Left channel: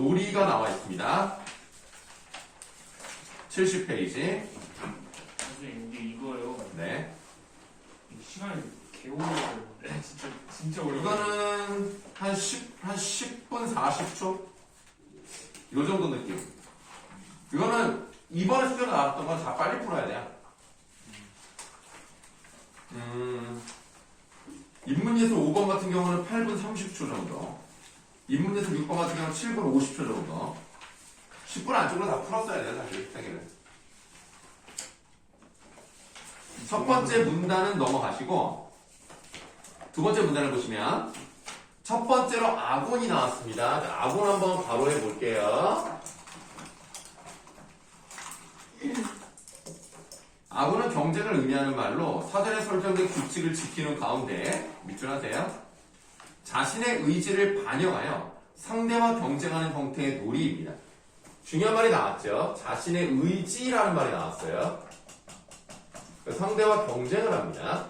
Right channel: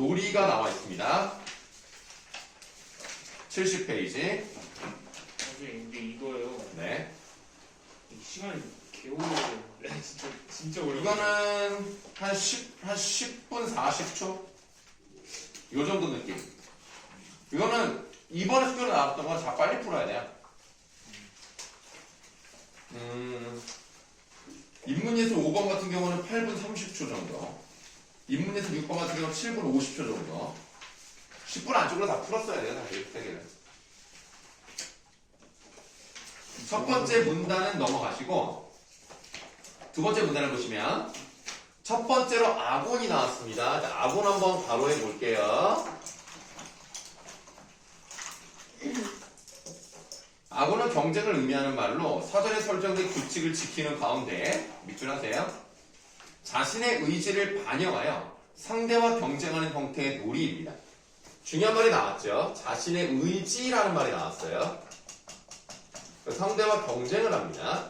놀이가 나와 있습니다. 70페이지. 선생님 근데 이거요. 네. 시간이 개오래요. 진짜 어려워. 이거는 한 10분 40초? 요 정도 느낌. 이거는 이번에 수준으로 나왔던 건 다 빨리 풀어야 돼요. 인문예술 5번 같은 경우는 8분 30초 정도. 인문예술 6번 같은 경우는 7분 50초 정도. 10분 안쪽으로 다 풀었어야 돼요, 사실. 세 개를. 첫 번째 문단은 넘어가시고, 두 번째 문단을 보시면, 첫 번째로 악원이 나왔습니다. 자, 악원 한번 바로 해볼게요. 악원은 경쟁을 의미하는 말로 사전에 설정된 규칙을 지키는 가운데, 밑줄 하세요. 자신의 의지를 반영하여 상대와 경쟁하는 형태의 놀이입니다. 중요한 말이 나왔죠. 자신의 의지라는 말이 나왔어요. 상대와 경쟁을 합니다.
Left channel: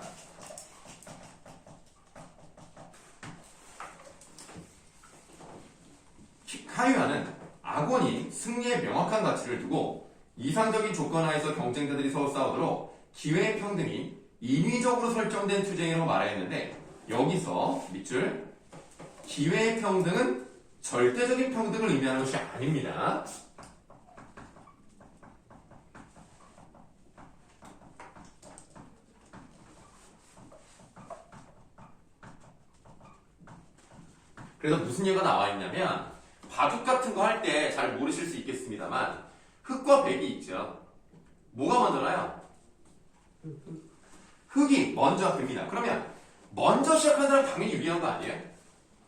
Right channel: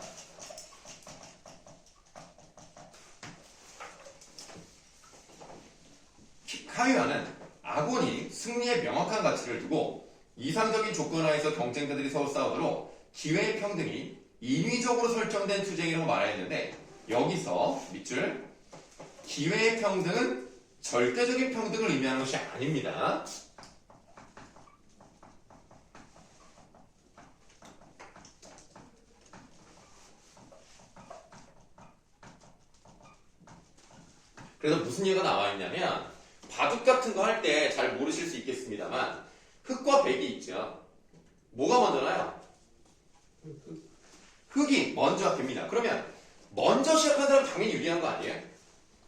카유아는 악원이 승리에 명확한 가치를 두고 이상적인 조건 하에서 경쟁자들이 서로 싸우도록 기회의 평등이 인위적으로 설정된 투쟁이라고 말했는데, 여기서 밑줄, 기회의 평등은 절대적인 평등을 의미하는 것이 아닙니다. 그래서 무슨 얘기가 나와 있냐면, 바둑 같은 거 할 때 잘 모르실 수 있겠습니다만, 흑과 백이 있죠. 뭐가 먼저 나요? 흑이 먼저 듭니다. 그러면 먼저 시작한 사람 당연히 유리한 거 아니에요?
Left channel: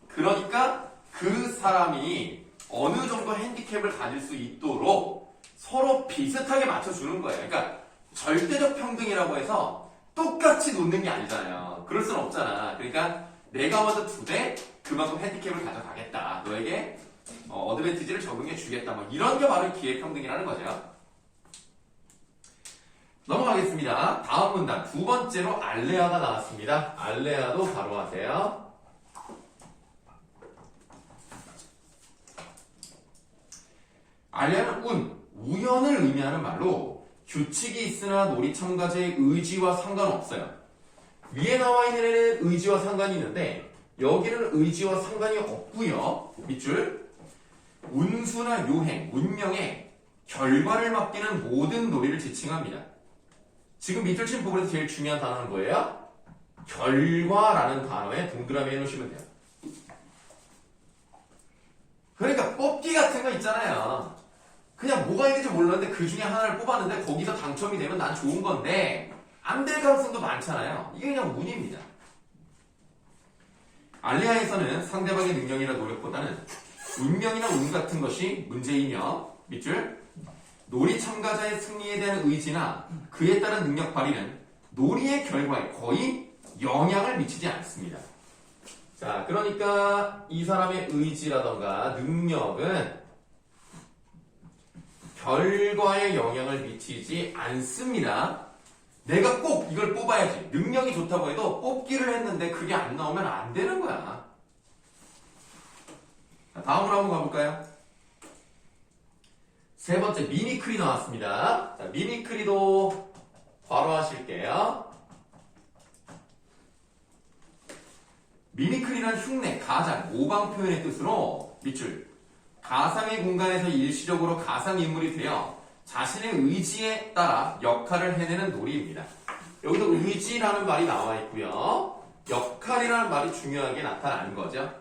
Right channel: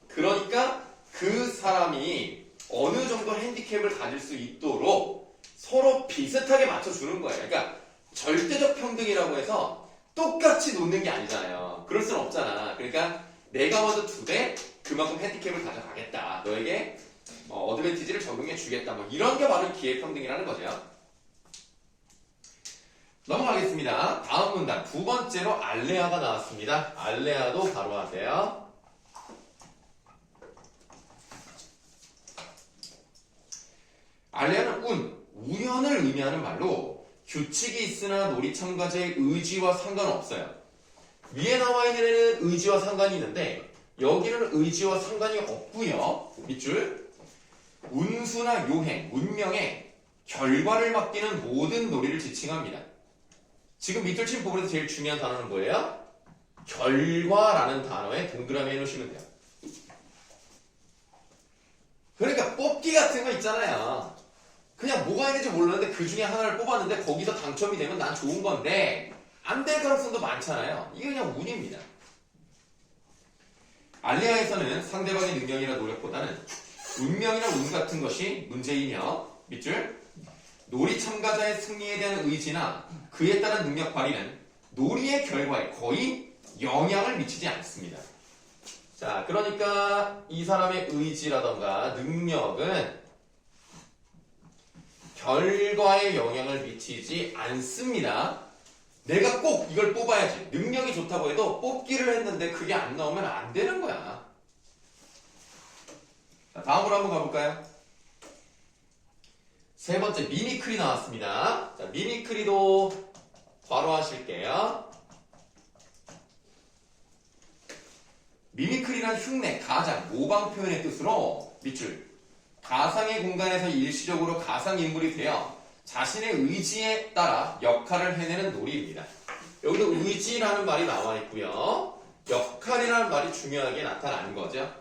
그러니까 그 사람이 어느 정도 핸디캡을 가질 수 있도록 서로 비슷하게 맞춰주는 거예요. 그러니까 절대적 평등이라고 해서 똑같이 놓는 게 아니잖아요. 그럴 수는 없잖아. 그러니까 내가 먼저 두되 그만큼 핸디캡을 가져가겠다. 너에게 어드밴티지를 적용해 주겠다. 뭐 이런 게 바로 기회평등이라는 거죠. 넘어가겠습니다. 다음 문단 두 번째로 알레아가 나왔습니다. 알레아도 바로 하세요. 알레아는 우연을 의미하는 말로 규칙이 있으나 놀이 참가자의 의지와 상관없어요. 위에 나와 있는 애는 의지와 상관이 있는데 여기는 의지와 상관이 없고요. 밑줄, 운수나 요행, 운명에 결과를 맡기는 모든 놀이를 지칭합니다. 지금 밑줄 친 부분에서 제일 중요한 단어는 뭐예요? 결과라는 단어에 동그라미 해놓으시면 돼요. 그러니까 뽑기 같은 거 있잖아요. 그냥 뭐가 있는지 몰랐는데 그 중에 하나를 뽑았는데 거기서 당첨이 되면 난 좋은 건데 안 될 가능성도 많잖아요. 이게 그냥 운입니다. 알레아에서는 상대방의 능력이나 노력보다는 운명이나 운 같은 것이 문제이며, 밑줄, 놀이 참가자의 승리에 대한 의지나 그에 따른 능력 발휘는 놀이의 결과에 거의 영향을 미치지 않습니다. 자, 그러니까 이 사람의 의지라던가 능력은 결과에 영향을 미치지 않습니다. 내가 꼭 이걸 뽑아야지. 능력이 좋다고 해도 뽑기를 했는데 그게 안 나오면 안 되는 거야. 자, 다음으로 한번 가볼까요? 세 번째, 미미크리 나왔습니다. 자, 미미크리도 바로 하실게요. 미미크리는 흉내, 가장, 모방 표현의 뜻으로 밑줄, 가상의 공간에서 일시적으로 가상인물이 되어 자신의 의지에 따라 역할을 해내는 놀이입니다. 여기도 의지라는 말이 나와 있고요. 역할이라는 말이 중요하게 나타나는 거죠.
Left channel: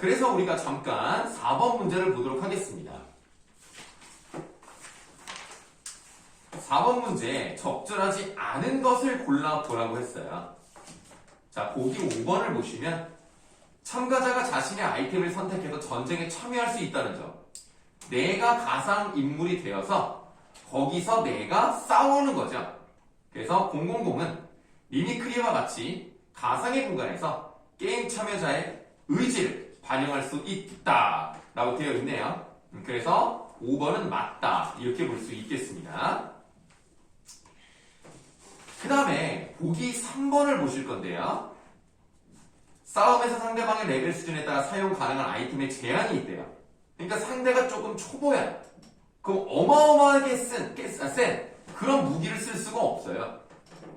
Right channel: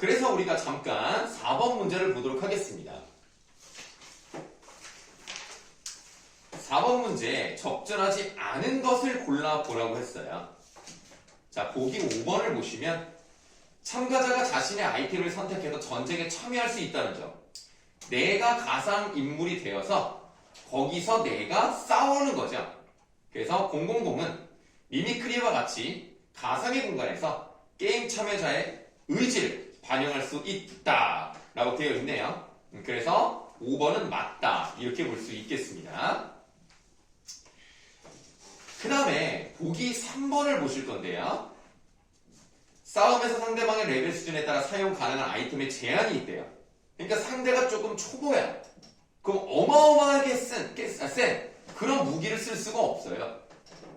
그래서 우리가 잠깐 4번 문제를 보도록 하겠습니다. 4번 문제, 적절하지 않은 것을 골라보라고 했어요. 자, 보기 5번을 보시면 참가자가 자신의 아이템을 선택해서 전쟁에 참여할 수 있다는 점. 내가 가상인물이 되어서 거기서 내가 싸우는 거죠. 그래서 000은 미미크리와 같이 가상의 공간에서 게임 참여자의 의지를 반영할 수 있다 라고 되어 있네요. 그래서 5번은 맞다 이렇게 볼 수 있겠습니다. 그 다음에 보기 3번을 보실 건데요. 싸움에서 상대방의 레벨 수준에 따라 사용 가능한 아이템에 제한이 있대요. 그러니까 상대가 조금 초보야. 그럼 어마어마하게 센 그런 무기를 쓸 수가 없어요.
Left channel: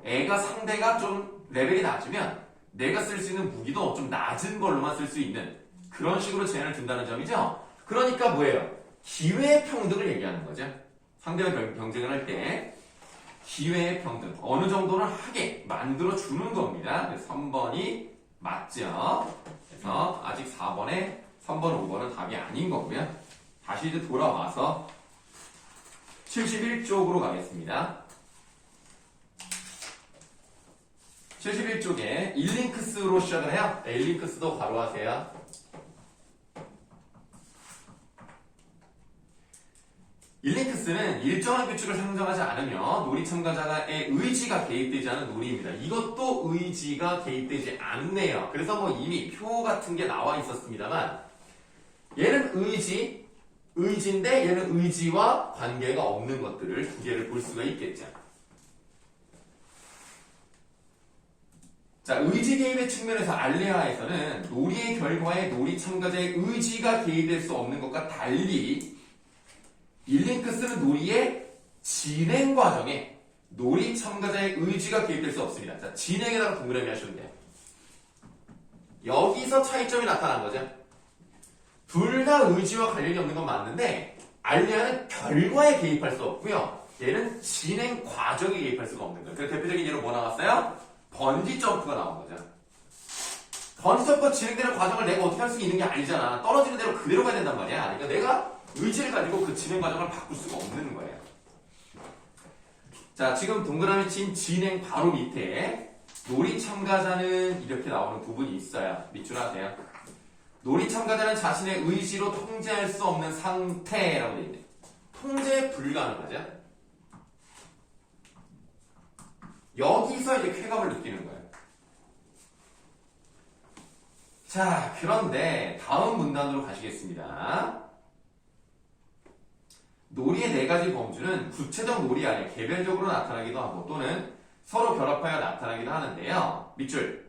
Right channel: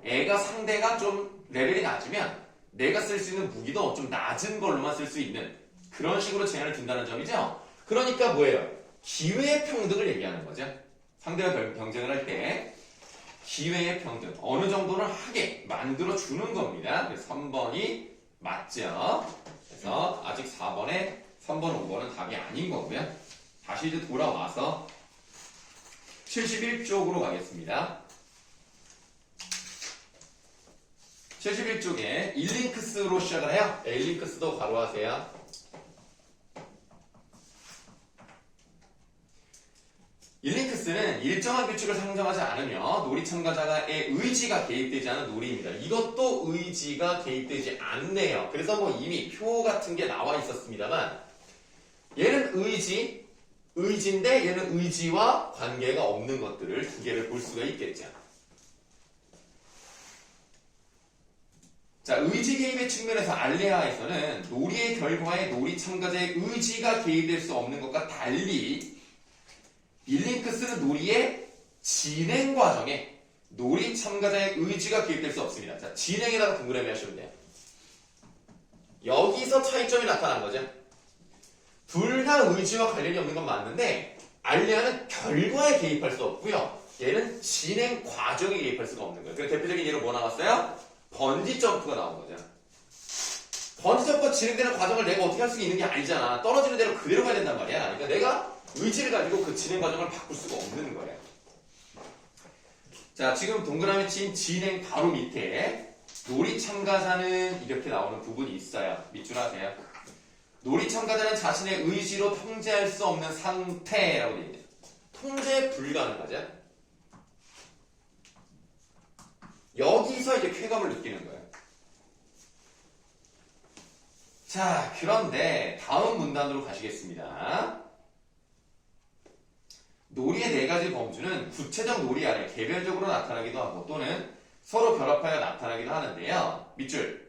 애가 상대가 좀 레벨이 낮으면 내가 쓸 수 있는 무기도 좀 낮은 걸로만 쓸 수 있는 그런 식으로 제한을 둔다는 점이죠. 그러니까 뭐예요? 기회의 평등을 얘기하는 거죠. 상대와 경쟁을 할 때 기회의 평등 어느 정도는 하게 만들어 주는 겁니다. 그래서 3번이 맞죠. 그래서 아직 4번에 3번, 5번은 답이 아닌 거고요. 다시 이제 돌아와서 71쪽으로 가겠습니다. 71쪽에 일링크스로 시작을 해요. 일링크스도 바로 하세요. 일링크스는 일정한 규칙을 상정하지 않으며 놀이 참가자의 의지가 개입되지 않은 놀이입니다. 이것도 의지가 개입되지 않네요. 그래서 뭐 이미 표 같은 게 나와 있었습니다만 얘는 의지인데 얘는 의지와 관계가 없는 것들을 두 개를 볼 수가 있겠죠. 자, 의지 개입의 측면에서 알레아에서는 놀이의 결과에 놀이 참가자의 의지가 개입될 수 없는 것과 달리 일링크스는 놀이의 진행 과정에 놀이 참가자의 의지가 개입될 수 없습니다. 자, 진행에다가 동그라미 하시면 돼요. 여기서 차이점이 나타난 거죠. 둘 다 의지와 관련이 없는 건 맞는데 알레아는 결과에 개입할 수 없고요. 얘는 진행 과정에 개입할 수가 없는 거예요. 그래서 대표적인 예로 뭐 나왔어요? 번지 점프가 나온 거죠. 번지 점프가 진행되는 과정을 내가 어떻게 할 수 있는 게 아니잖아. 떨어지는 대로 그대로 가야 된단 말이야. 그러니까 내가 의지를 가지고 그 진행 과정을 바꿀 수가 없는 거예요. 자, 지금 동그라미 친 진행 바로 밑에 놀이 참가자는 이렇게 나오는 부분이 있어요. 밑줄 하세요. 놀이 참가자는 자신의 의지로 통제할 수 없는 상태라고 되어 있네요. 통제 불가능하죠. 여기서 이제 쾌감을 느끼는 거예요. 자, 그런데 다음 문단으로 가시겠습니다. 놀이의 네 가지 범주는 구체적 놀이 안에 개별적으로 나타나기도 하고 또는 서로 결합하여 나타나기도 하는데요. 밑줄.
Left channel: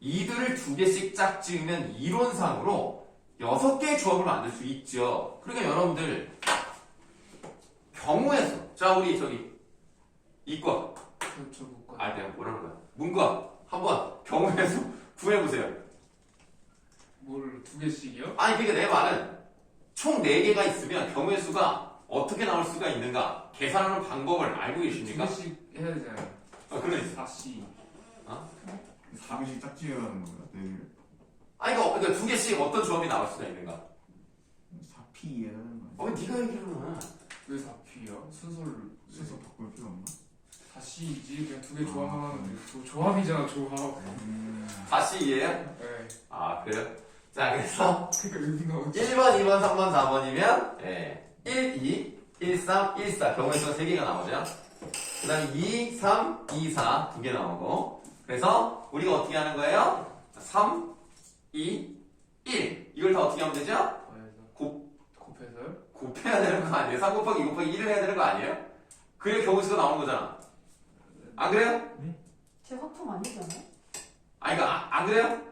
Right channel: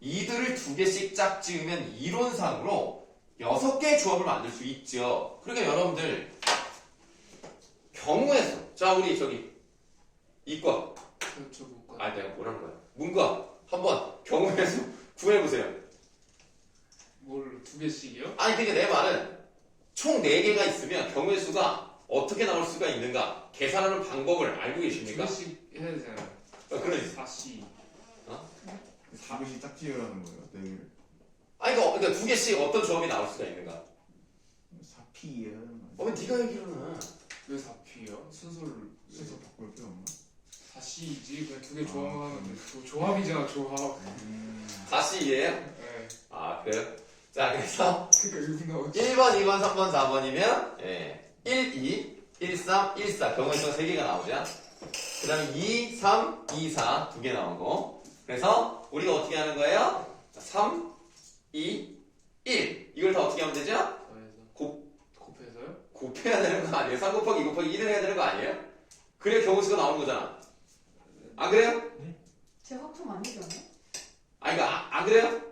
이들을 두 개씩 짝지으면 이론상으로 6개의 조합을 만들 수 있죠. 그러니까 여러분들 경우의 수. 자, 우리 저기 이과. 그렇죠. 아, 내가 뭐라는 거야? 문과 한번 경우의 수 구해보세요. 뭘 두 개씩이요? 아니, 그게 내 말은 총 4개가 있으면 경우의 수가 어떻게 나올 수가 있는가 계산하는 방법을 알고 두 계십니까? 개씩 해야 되잖아요. 그러니까 4씨. 두 개씩 짝지으라는 거예요? 네 개를? 아니, 그러니까 2개씩 어떤 조합이 나올 수가 있는가? 4P에 하는 거예요? 네가 얘기를 왜 4P요? 순서를 순서 바꿀 필요 없나? 4C이지 그냥 두 개 조합만 하면 돼. 조합이잖아 조합. 다시 이해해요? 네. 아, 그래요? 자, 그래서 그러니까 이거 1번, 2번, 3번, 4번이면 1, 2, 1, 3, 1, 4 경우의 수가 3개가 나오죠. 그 다음에 2, 3, 2, 4 2개 나오고 그래서 우리가 어떻게 하는 거예요? 3, 2, 1 이걸 다 어떻게 하면 되죠? 곱해서요? 곱해야 되는 거 아니에요? 3 곱하기 2 곱하기 1을 해야 되는 거 아니에요? 그래야 경우의 수가 나오는 거잖아. 안 그래요? 제 화품 아니잖아요? 아니, 그러니까 안 그래요?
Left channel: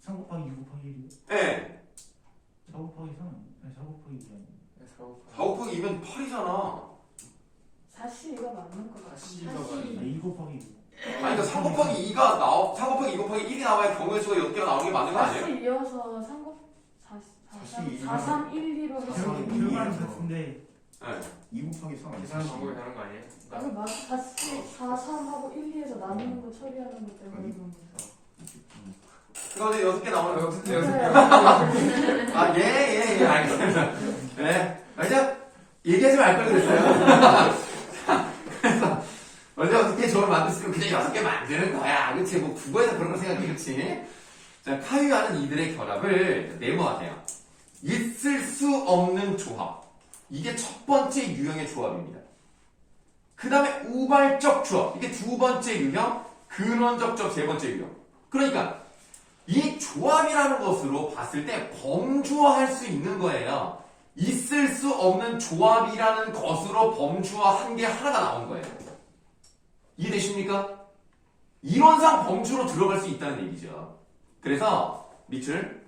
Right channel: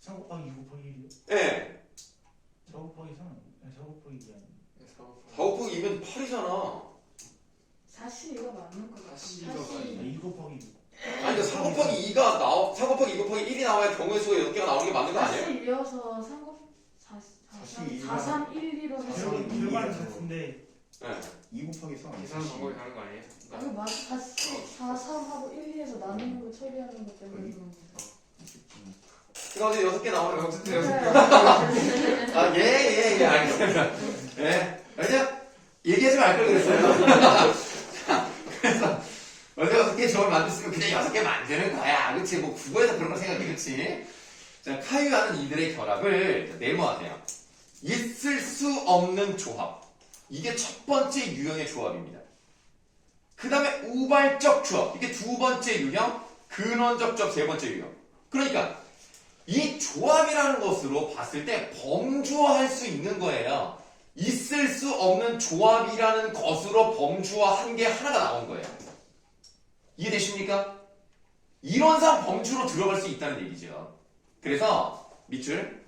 3 곱하기 2 곱하기 1이요? 예. 4 곱하기 3? 아니 4 곱하기 2 아니에요? 4 곱하기 2면 8이잖아. 4C가 맞는 것 같아요. 4C가 2 4C. 곱하기 2 아니, 그러니까 3 곱하기 2가 3 곱하기 2 곱하기 1이 나와야 경우의 수가 6개가 나오는 게 맞는 거 아니에요? 4C 이어서 4, 3, 1, 2로 해서 들어가는 것 같은데 네. 2 곱하기 3 계산 방법이 다른 거 아니에요? 아니 맞아 4C, 4, 3하고 1, 2에서 나누는 거 처리하는 것 때문에 그런 거죠. 그런데 6개 나오는 거 어쨌든 여섯 개. 아, 예, 알겠습니다. 네. 왜냐? 얘기하지 말 걸 그랬어요. 그래서, 원래 6개 조합을 만들었으면 그냥 6개 만드는 거야. 그치? 뭐, 국어에서 그런 거 생각해, 그치? 자, 카유하는 이들의 결합을 네모하세요. 있을 수 없는 조합. 이게 첫 번째 유형의 조합입니다. 그 다음에 우발적 조합. 이게 두 번째 유형, 근원적 조합 세 번째 유형. 그러니까, 이 조합이라는 것으로 봤을 때 범주화할 수 있는 거예요. 있을 수 없는 조합이라는 것으로 범주화한 게 하나가 나온 거예요. 있습니까? 이론상 범주로 들어갈 수 있다는 얘기죠. 그래서 밑줄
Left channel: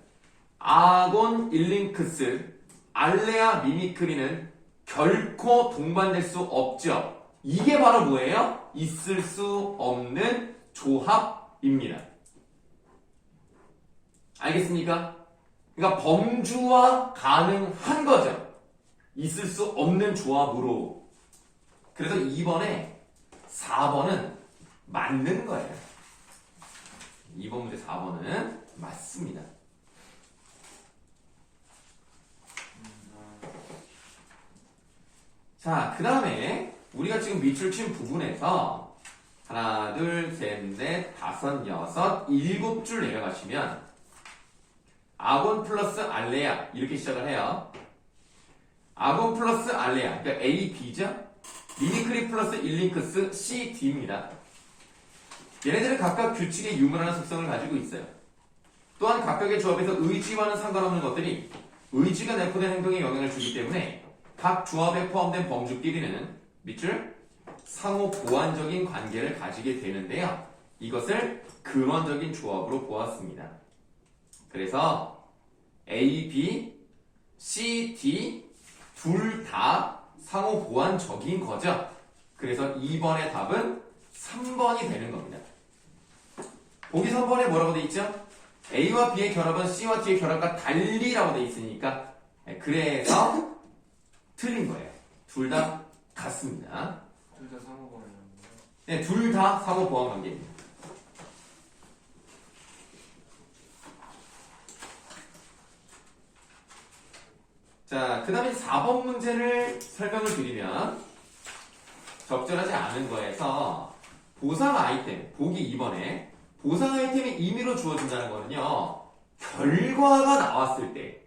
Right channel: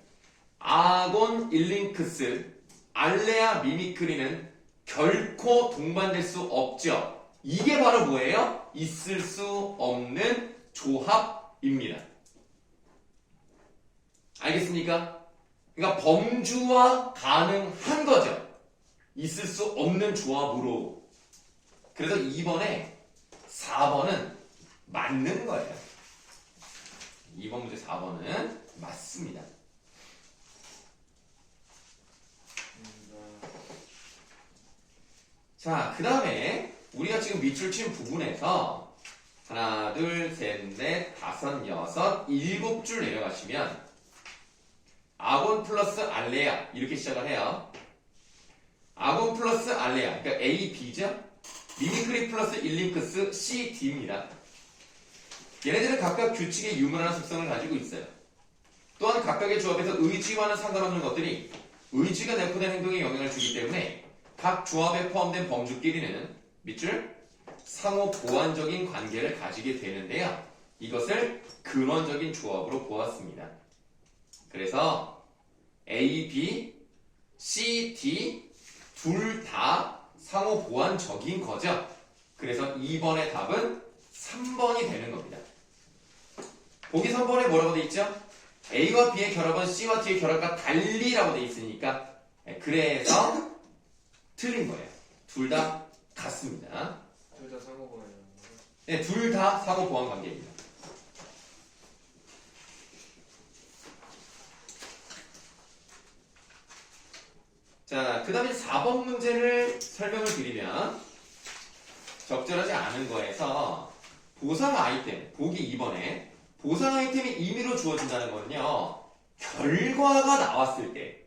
아곤 일링크스 알레아 미미크리는 결코 동반될 수 없죠. 이게 바로 뭐예요? 있을 수 없는 조합입니다. 알겠습니까? 그러니까 범주화 가능한 거죠. 있을 수 없는 조합으로. 그래서 2번에 4번은 맞는 거예요. 2번 문제 4번은 맞습니다. 자, 그 다음에 우리가 지금 밑줄 친 부분에서 하나, 둘, 셋, 넷, 다섯, 여섯, 일곱 줄 내려가시면 아곤 플러스 알레아 이렇게 시작을 해요. 아곤 플러스 알레아 그러니까 A, B죠? 미미크리 플러스 일링크스 C, D입니다. 얘네들은 각각 규칙의 유문화나 속성을 가지고 있어요. 또한 각각의 조합에서 의지와는 상관없는 것들이 의지가 내포된 행동에 영향을 주기 때문에 각 조합에 포함된 범주끼리는 밑줄 상호 보완적인 관계를 가지게 되는데요. 이것을 근원적인 조합으로 보았습니다. 그래서 A, B, C, D 둘 다 상호 보완적인 거죠. 그래서 2번의 답은 3번이 되는 겁니다. 보기 3번에 뭐라고 돼 있죠? A와 B의 결합은 C와 D의 결합과 달리라고 돼 있으니까 그래서 틀린 거예요. 둘 다 같습니다. 둘 다 상호 보완이라는 거예요. 네, 둘 다 상호 보완 관계입니다. 자, 그 다음에 4번 문제를 설명을 드리면 적절하지 않은 거에서 보상 아이템, 보기 2번에 보상 아이템이 임의로 주어진다는 거는요. 결과가 나왔을 때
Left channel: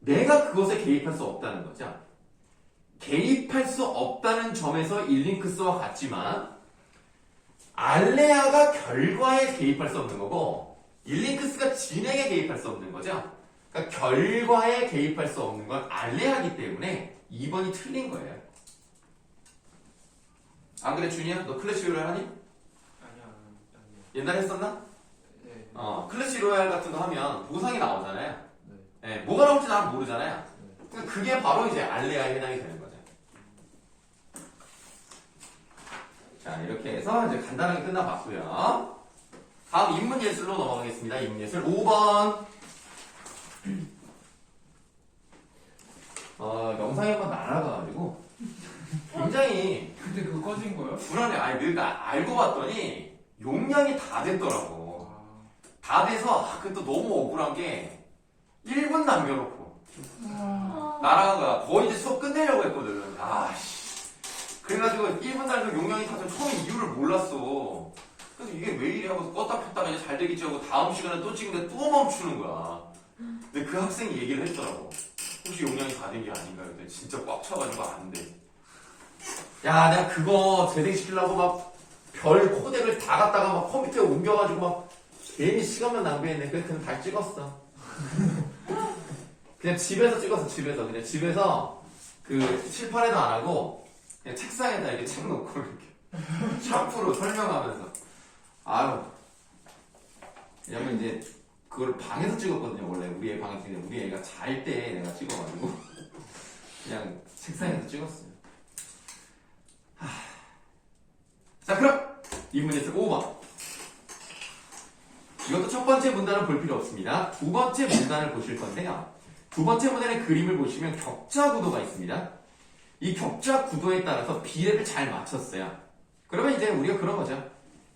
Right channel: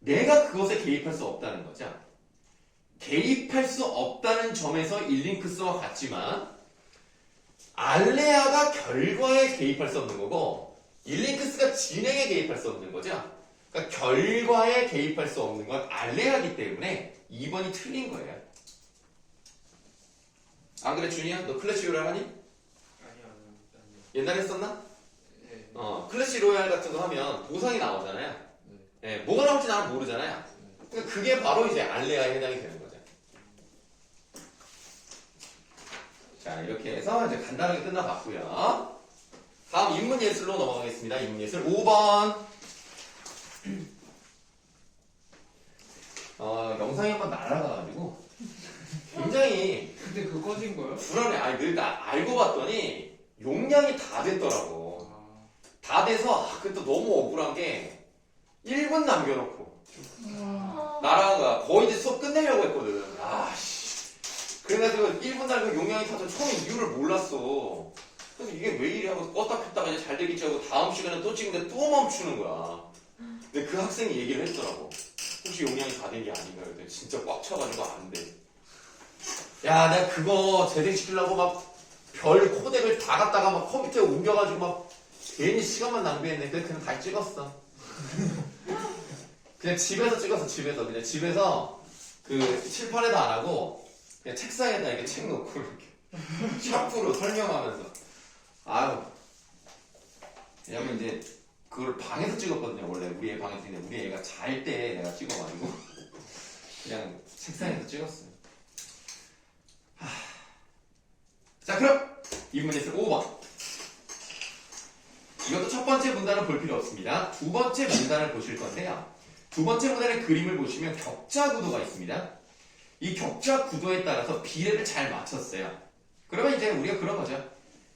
내가 그것에 개입할 수 없다는 거죠. 개입할 수 없다는 점에서 일링크스와 같지만 알레아가 결과에 개입할 수 없는 거고 일링크스가 진행에 개입할 수 없는 거죠. 그러니까 결과에 개입할 수 없는 건 알레아기 때문에 2번이 틀린 거예요. 안 그래 준이야? 너 클래시 로얄 하니? 아니요. 옛날에 했었나? 네. 클래시 로얄 같은 거 하면 보상이 나오잖아요. 네. 네, 뭐가 나올지 나는 모르잖아요. 그러니까 그게 바로 이제 알레아에 해당이 되는 거죠. 자, 이렇게 해서 이제 간단하게 끝나봤고요. 다음 인문 예술로 넘어가겠습니다. 인문 예술 5번. 영상이 한번 날아가가지고 굉장히 근데 그거 꺼진 거예요? 불안해. 아니, 내가 알고 봤더니 용량이 다 됐더라고. 아, 다 돼서 그때 너무 억울한 게 1분 남겨놓고 날아간 거야. 거의 이제 수업 끝내려고 했거든. 아씨. 그래가지고 1분 남겨 용량이 타서 처음에 이유를 몰랐어. 그래서 이게 왜 이래 하고 껐다 켰다가 이제 잘 되겠지 하고 다음 시간에 또 찍는데 또 멈추는 거야. 근데 그 학생이 얘기를 했더라고. 혹시 용량이 다 된 게 아닌가 그랬더니 진짜 꽉 차가지고 안 돼. 야, 내가 그거 재생시키려고 막 별 코덱을 다 갖다가 막 컴퓨터에 옮겨가지고 막 괜히 시간만 낭비했네. 그래서 그냥 다시 찍었어. 그냥 집에서 찍었어. 그냥 집에서 그 칠판에다 안 하고 그냥 책상에다 이렇게 책 놓고 이렇게 샤프로 설명하면서. 아유. 왜냐면 이제 그걸 방에서 찍었거든요. 원래 우리 애 방에서 찍는데 우리 애가 잘 때 내가 찍어가지고 그냥 책상에서 찍었어요. 자, 그럼 인문예술 5번. 이것도 첫 번째 문단을 볼 필요 없습니다. 두 번째 문단을 보실 건데요. 두 번째 문단의 그림을 보시면 격자 구도가 있습니다. 이 격자 구도에 따라서 비례를 잘 맞췄어요. 그러면 이제 우리가 그런 거죠.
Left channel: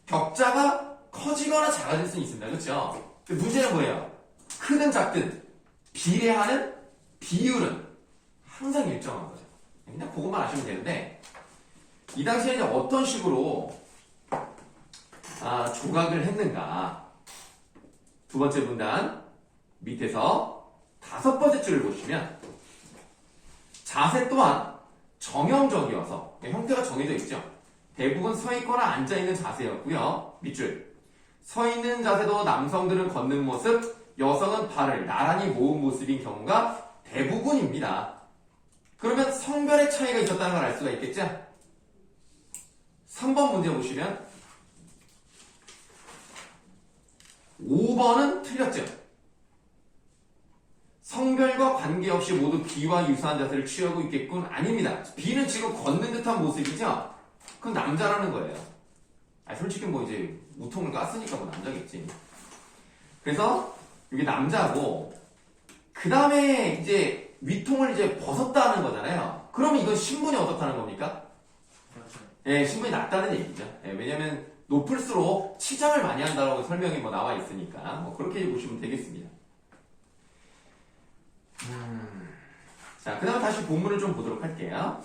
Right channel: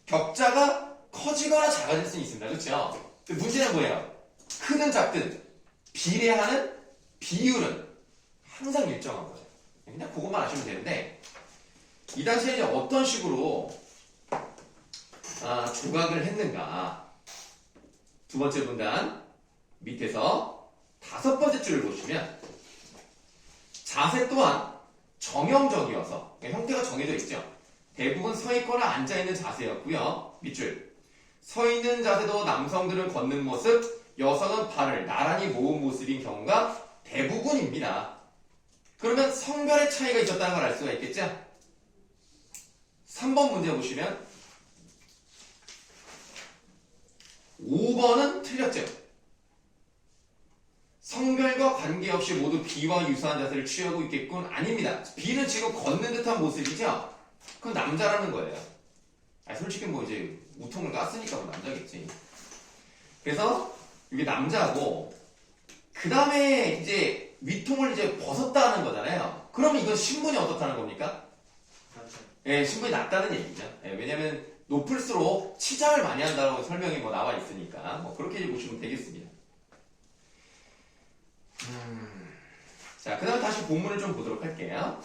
격자가 커지거나 작아질 수는 있습니다. 그렇죠? 근데 문제는 뭐예요? 크든 작든 비례하는 비율은 항상 일정한 거죠. 그냥 그것만 아시면 되는데 이 당시에 이제 어떤 식으로 조각을 했는가? 두 번째 문단 밑에서 다섯 번째 줄을 보시면 자세 또한 정형적이어서 형태가 정해져 있죠. 대부분 서 있거나 앉아 있는 자세였고요. 밑줄 서 있는 자세도 남성들은 걷는 모습, 여성은 발을 나란히 모은 모습인 경우가 대부분입니다. 그러면 성별의 차이가 있었다는 걸 알 수가 있겠죠? 3번 문제 보시면 5번은 틀렸죠. 성별과 관계없이 모두 B와 유사한 자세를 취하고 있겠군. 아닙니다. B는 지금 걷는 듯한 모습이죠. 그럼 남자라는 거예요. 솔직히 뭐 이제 우통을 깠으니까 뭐 남자겠지. 그래서 이게 남자고 그 다음에 이제 위통을 이제 벗었다는 거잖아요. 그러면 이건 신분이 어떻다는 겁니까? 예, 신분이 낮다는 얘기죠. 예, 왜냐면 높을수록 치장을 많이 한다고 설명이 뭐 나와 있으니까 뭐 그렇게 보시면 되겠습니다. 자, 그 다음 다시 본문을 좀 보도록 할게요.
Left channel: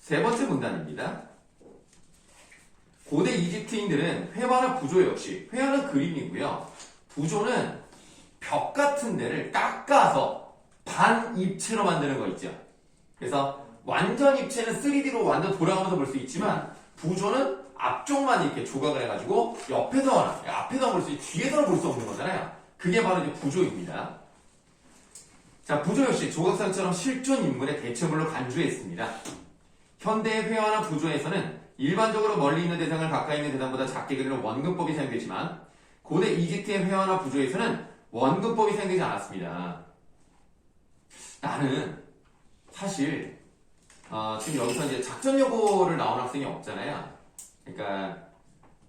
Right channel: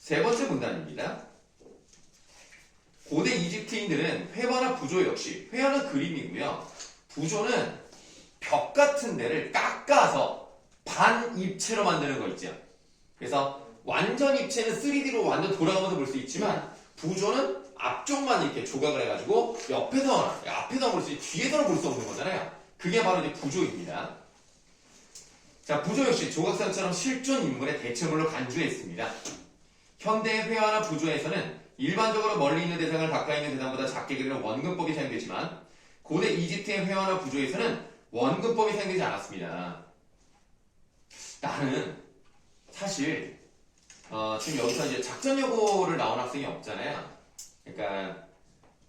세 번째 문단입니다. 고대 이집트인들은 회화나 부조 역시, 회화는 그림이고요. 부조는 벽 같은 데를 깎아서 반입체로 만드는 거 있죠. 그래서 완전 입체는 3D로 완전 돌아가면서 볼 수 있지만 부조는 앞쪽만 이렇게 조각을 해가지고 앞에서 볼 수 있지 뒤에서는 볼 수 없는 거잖아요. 그게 바로 이제 부조입니다. 자, 부조 역시 조각상처럼 실존 인물의 대체물로 간주했습니다. 현대의 회화나 부조에서는 일반적으로 멀리 있는 대상을 가까이 있는 대상보다 작게 그리는 원근법이 사용되지만 고대 이집트의 회화나 부조에서는 원근법이 사용되지 않았습니다. 나는 사실 지금 여기서 이제 작전 요고를 나온 학생이 없잖아요. 그러니까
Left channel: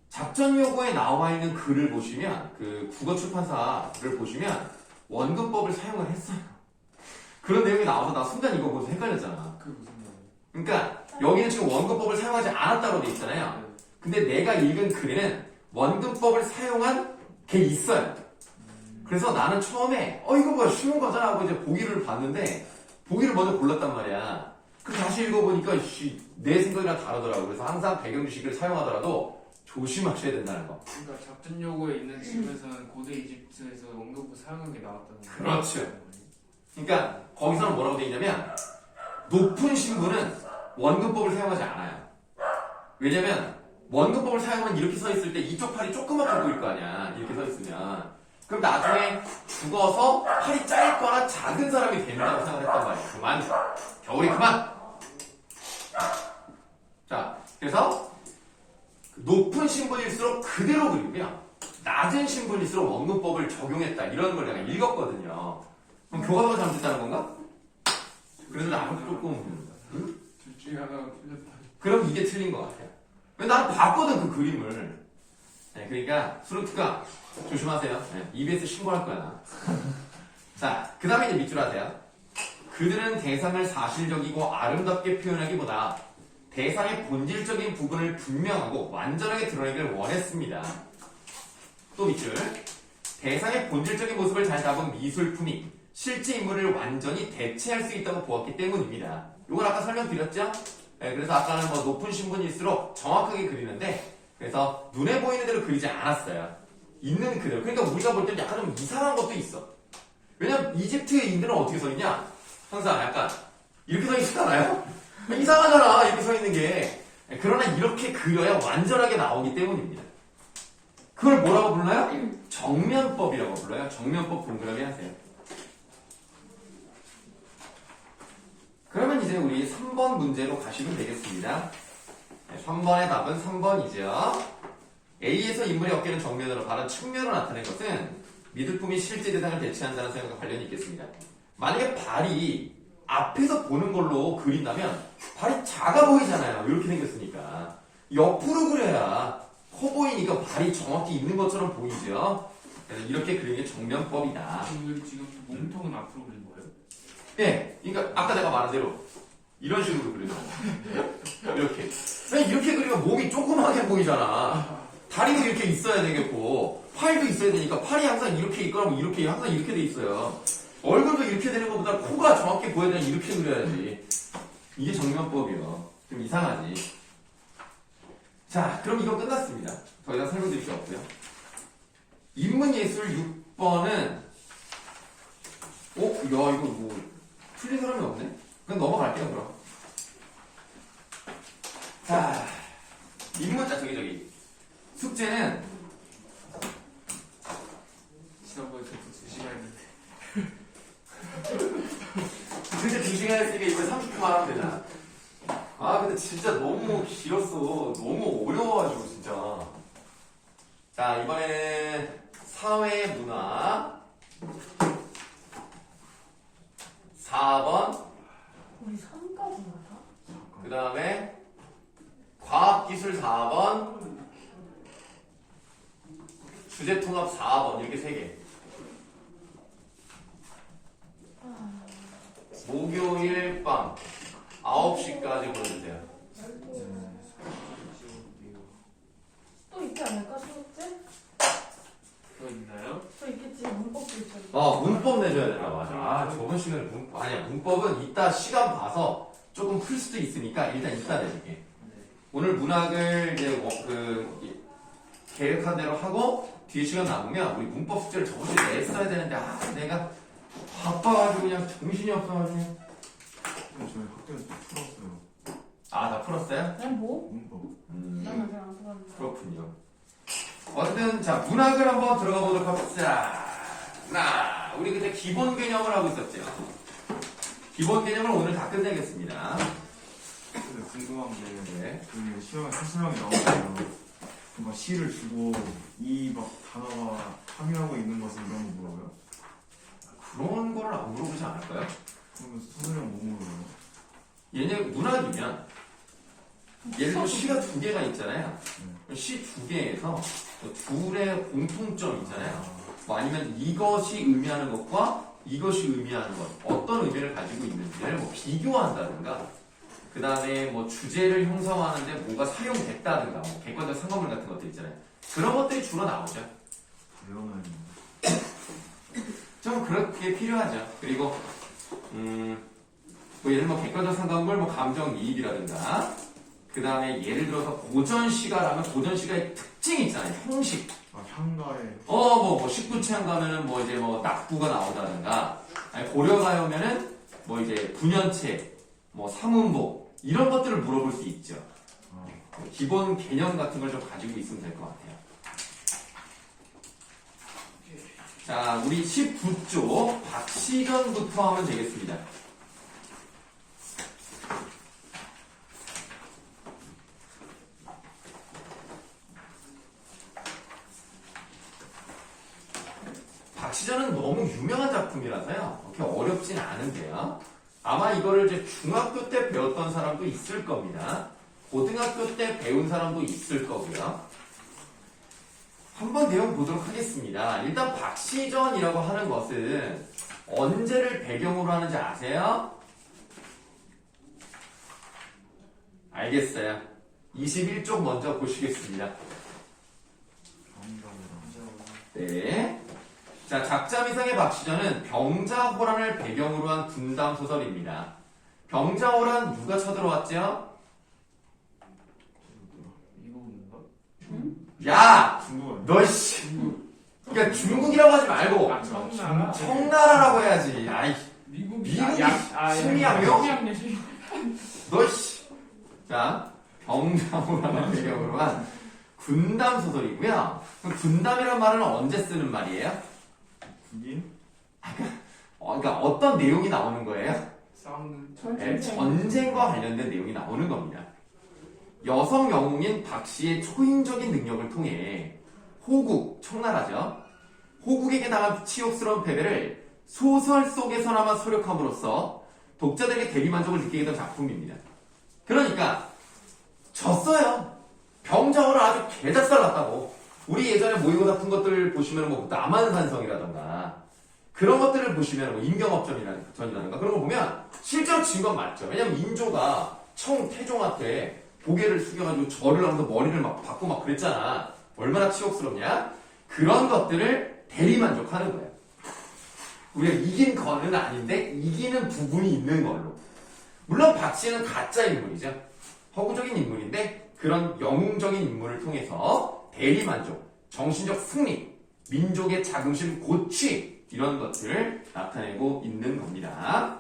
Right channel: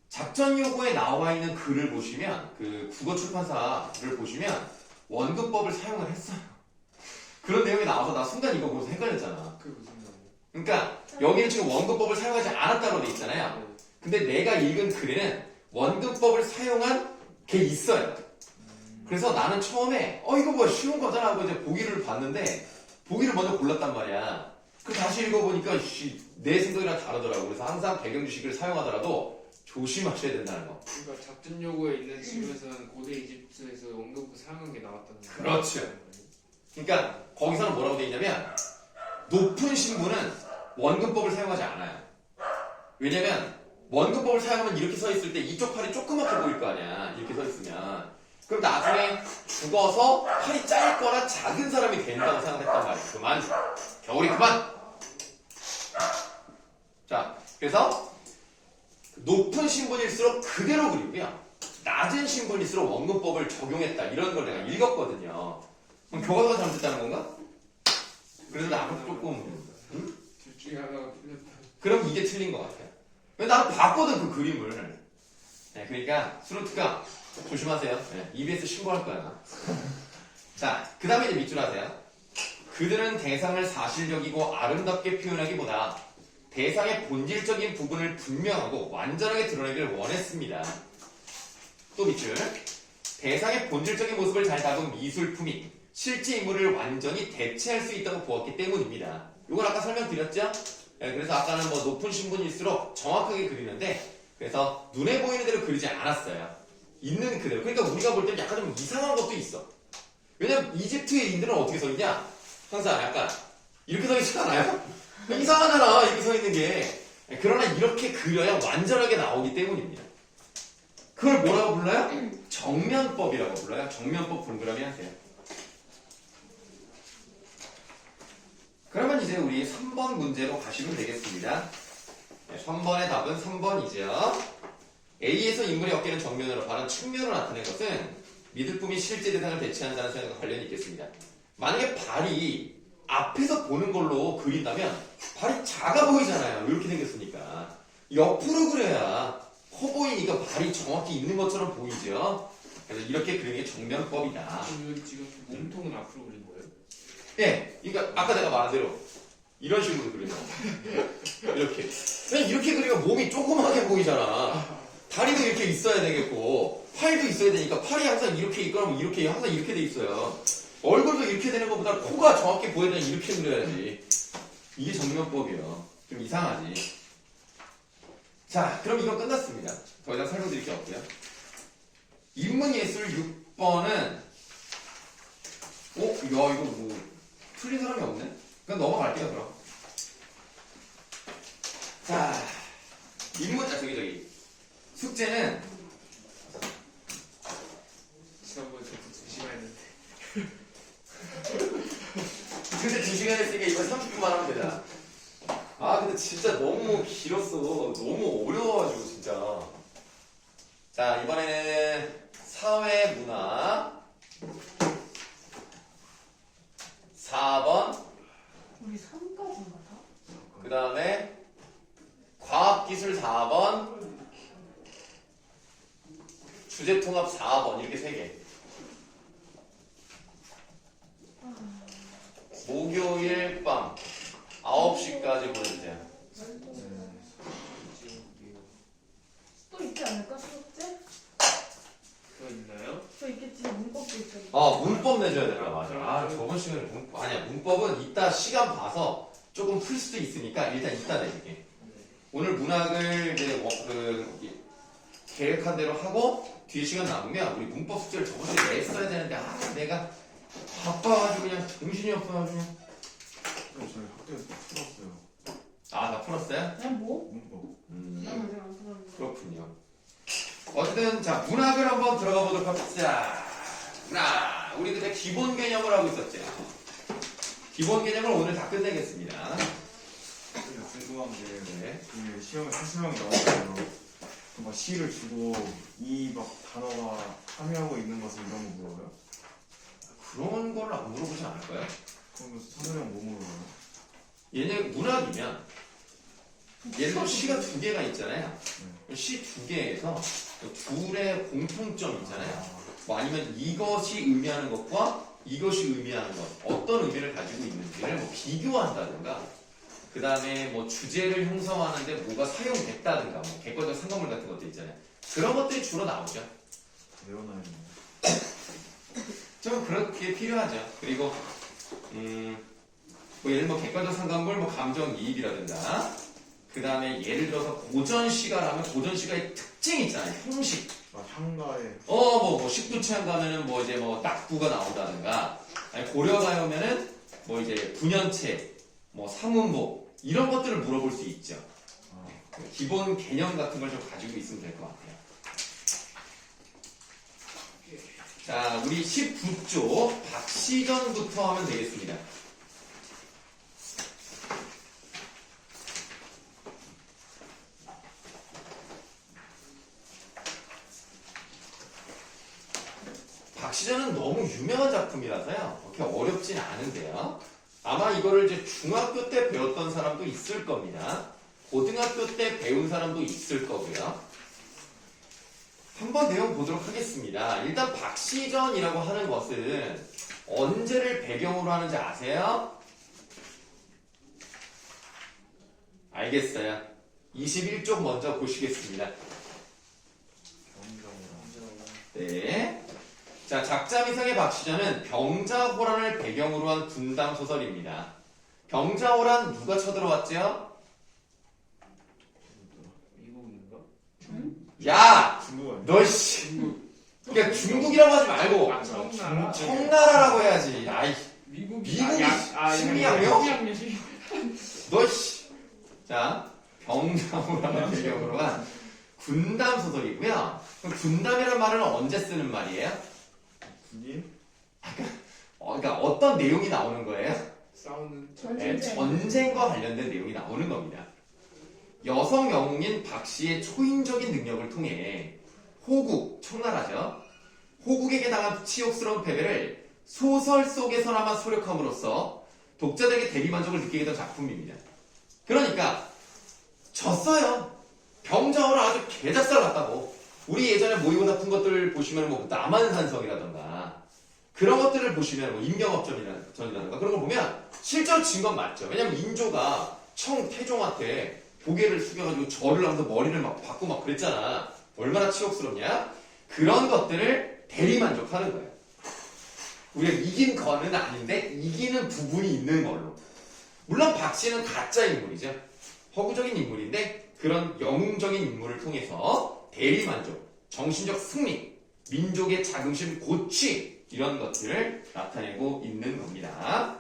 작전 요고에 나와 있는 글을 보시면 그 국어 출판사를 보시면 원근법을 사용을 했어요. 그런 내용이 나와서 나 순간 이거 보면서 헷갈렸잖아. 그게 무슨 말이에요? 그러니까 여기는 지금 원근법을 사용하지 않았다고 돼 있잖아요. 근데 내가 읽은 글에는 원근법을 사용한 게 있어요. 그래서 나는 처음에 이거 뭐 쉬운 거잖아 하고 이제 보기를 봤는데 보기를 먼저 골랐단 말이야. 그 다시 읽어보니까 내 생각이랑 다르더라고. 그래서 항상 배경 지식을 사용하더라도 조심하셔야 된다는 거. 그러니까 작전 요구에 있는 지구에서는 고대 이집트에서 원근법 사용한 게 나왔다는 거예요. 그렇죠. 그러니까 거기서는 뭐라고 돼 있냐면 높은 신분은 원근법을 사용하지 않아요. 왜냐면 원근법을 사용하면 이렇게 서 있을 때 이쪽 팔이 조그맣게 보일 거 아니야. 이렇게 서 있으면. 그럼 나중에 죽어서 팔이 짧거나 작은 사람이 된다고 생각했단 말이야. 그만. 겨울이 그만. 자, 그래서 높은 신분일수록 그대로 그리고요. 낮은 신분일수록 원근법을 적용했다. 이런 걸 내가 읽었거든요. 그럼 교과서가 잘못됐다는 건가? 그래서 나는 조금 둘 중에 하나가 틀렸다. 그럼 이게 틀린 것 같아요. 왜 나는 봤거든 그 그림을. 네, 그러니까 수루트가 조심하세요. 네, EBS 신고할 거야. 자, 그 다음에 이제 밑줄 하세요. 그들은 대상을 사실적이고 아름답게 표현하기보다 대상의 본질적인 부분을 분명하고 완전하게 드러내기를 원했습니다. 또 밑줄. 대상의 본질적인 모습을 잘 담은 미술품이 실제 인물을 완전히 대체할 수 있다고 보았기 때문입니다. 이걸 아까 설명드렸죠? 네, 그래서 아까는 뭐 높은 신분일수록 정확하게 그리는데 그래서 눈에 보이는 대로 그리지 않았어요. 있는 그대로. 그러니까 우리가 볼 때는 약간 좀 이상한 것도 있어. 왜냐면 이집트인들은 어떻게 서 있냐? 항상 약간 이렇게 서 있지 않아요? 이상하잖아 이렇게 서 있는 게. 그러나 이렇게 그려야 완전하게 나오기 때문입니다. 그걸 뭐라고 불러요? 정면법이라고 불러요. 정면법 동그라미 하세요. 그러면 이제 우리 3번 문제로 가시면 되겠습니다. 3번의 답은 3번이죠. A에서 인물의 어깨는 정면으로 발은 측면으로 나타낸 것은 미술품이 실제 대상을 대체한다는 생각과 관련이 있겠습니다. 만약에 발이 앞에서 보는 걸로 그린다면 발이 작아 보이잖아요. 이렇게 생겼으니까. 옆으로 그려야 커 보이니까 발이 정확히 있는 것처럼 보이죠. 그래서 이렇게 그리는 게 정면법이다. 지금 몸통은 앞으로 그린 거예요? 예, 그러니까 아까 내가 말한 대로 이런 식으로 그리는 거. 이렇게. 왜냐면 이렇게 그리면 몸이 조그맣게 보이잖아. 다리도 이렇게 있어야 되겠고 팔도 있어야 되니까 팔이 항상 이렇게 있거나 이렇게 항상 이렇게 돼 있어요. 얼굴도 이렇게 되는 것보다 코가 정확히 보여야 되면 이렇게 그려야지. 이게 정면법이에요. 좀 이상하지. 자, 그럼 이거 끝났습니다. 더 이상 설명드릴 게 없고요. 인문예술 6번은 야 이거 뭐 풀린 사람이 없네? 그냥 넘어갈게요 그럼. 자, 저기 숙제는 지난번에 저도 2시간 했는데. 근데 2시간 했으니까 이거 30분만 하면 되잖아. 아 근데 진짜 너무 길었어. 너무 어려워가지고 진짜. 자, 이번에는 사회 문화 4번, 우리 선까지인가 다? 그 다음에 과학기술 4번, 주제통합 4번 이렇게 3개. 목요일 밤 9시까지 보내주세요. 또 있지 않을까? 수업제? 그거 있나요? 또 있겠지. 문법도 있고. 문법 내줘야 된다. 맞아. 저번 시간에 아니야. 문법은 이따 시간 봐서 조금 풀 수도 있으니까 일단 이따 내줄게. 네. 오늘 문학을 이제 계획한 대로 하고 뒤에 시간 남으면 우리 문법 숙제를 저번 주에 냈어야 되는데 내가 바빠가지고 그냥 정신이 없어가지고. 저희 학교에서 풀었어요. 다 풀었어요? 그냥 뭐? 문법. 나는 잘안 들었는데. 그렇군요. 어쨌든 자 문학을 한번 들어가 보도록 합시다. 우리 그때 기본 개념을 하고 있었죠. 기본 개념을 오늘 다 끝내겠습니다. 근데 궁금한 게 네. 그 시험에 사실명 나오면 막 시를 주고 이 막 단어가 함유하고 있는 것을 이런 거 물어봐요? 그런 거를 안 물어보지 않을까요? 그러면 사실명 뭐 물어봐요? 얘네 문학이면 예를 들어 시가 2개가 있잖아요. 시 2개에서 둘의 공통점 있잖아요. 뭐 아니면 이것이 의미하는 것과 이것이 의미하는 것 어떤 의미를 가지고 있는지를 뭐 비교한다든가 그 다음에 뭐 주제를 형성하는데 뭐가 사용됐다든가 뭐 객관적 상관물 같은 것들 있잖아요. 그런 것들이 주로 나오죠. 외워놔야 되나? 좀 그렇게 필요하죠. 그리고 뭐 예를 들어 뭐 객관적 상관물, 뭐 감정이입이라든가 그 다음에 예를 들어서 고전시가라면 고전시가의 특징이 있잖아요. 형식. 막 향가에 뭐 19취향 가면은 뭐 이제 뭐 낙부가 나온다든가 아니 고려가에 오면은 뭐 이제 분연체, 뭐 삼음복 이런 것들을 물어볼 수 있죠. 기본 개념 같은 걸 좀 가지고 있으면 될 것 같아요. 자, 우리 19조 박시전부터 하면 되겠습니다. 박시전은 너무 유명한 작품이라서요. 그렇게 어렵진 않은데요. 아마 이거를 이제 중학교 때 배웠던 사람도 있을 겁니다. 고등학교 때 배운 사람도 있을 거고요. 한번 내용 보도록 하겠습니다. 일단 박시전이라고 하는 것은 언제를 배경으로 하는지 아세요? 알겠어요. 21쪽 먼저 보시겠습니다. 네. 자, 작자미상의 박시전은 병자호란을 배경으로 한 분담 소설입니다. 병자호란 누가 쳐들어왔죠? 미국인가? 야! 중국어 너 씨! 그러니까 중국이라고 하지 말고 청나라. 청나라라고 해야지. 아이, 미국이 미국이 심리학이요? 너 씨! 자, 병자호란을 배경으로 한 분담 소설이고요. 그럼 분담이라는 말은 언제 쓰는 말이에요? 군인? 그러니까 어떤 내용이 나오는 거예요? 싸우는 네, 전쟁과 관련된 내용이 나오는 겁니다. 여성 영웅인 박씨의 초인적인 능력을 통해 호국, 청나라죠. 호국에게 당한 치욕스러운 패배를 소설 속에서나마 소력함으로써 독자들에게 대리만족을 느끼게 했던 작품입니다. 그러니까 졌어요. 병자호란 아주 개작살 났다고. 우리 예전에 모의고사 푼 것들 보시면 뭐 남한산성이라던가 그런 것들을 보시면 뭐 임경업전이라던가 그런 거 보면 실제로 진 건 맞죠. 왜냐면 인조가 태종한테 고개를 숙여가지고 절을 하면서 머리를 막 받고 막 그랬잖아. 얼마나 치욕스럽냐? 그런 것들을 대리만족하는 거예요. 우리가 이긴 거는 아닌데 이기는 부분이 있는 걸로. 물론 박씨는 가짜 인물이죠. 허구적인 인물인데 그런 영웅적인 인물을 통해서 대리만족, 정신적 승리, 민족의 자긍심 고취 이런 것들을 나타내고 있는 겁니다.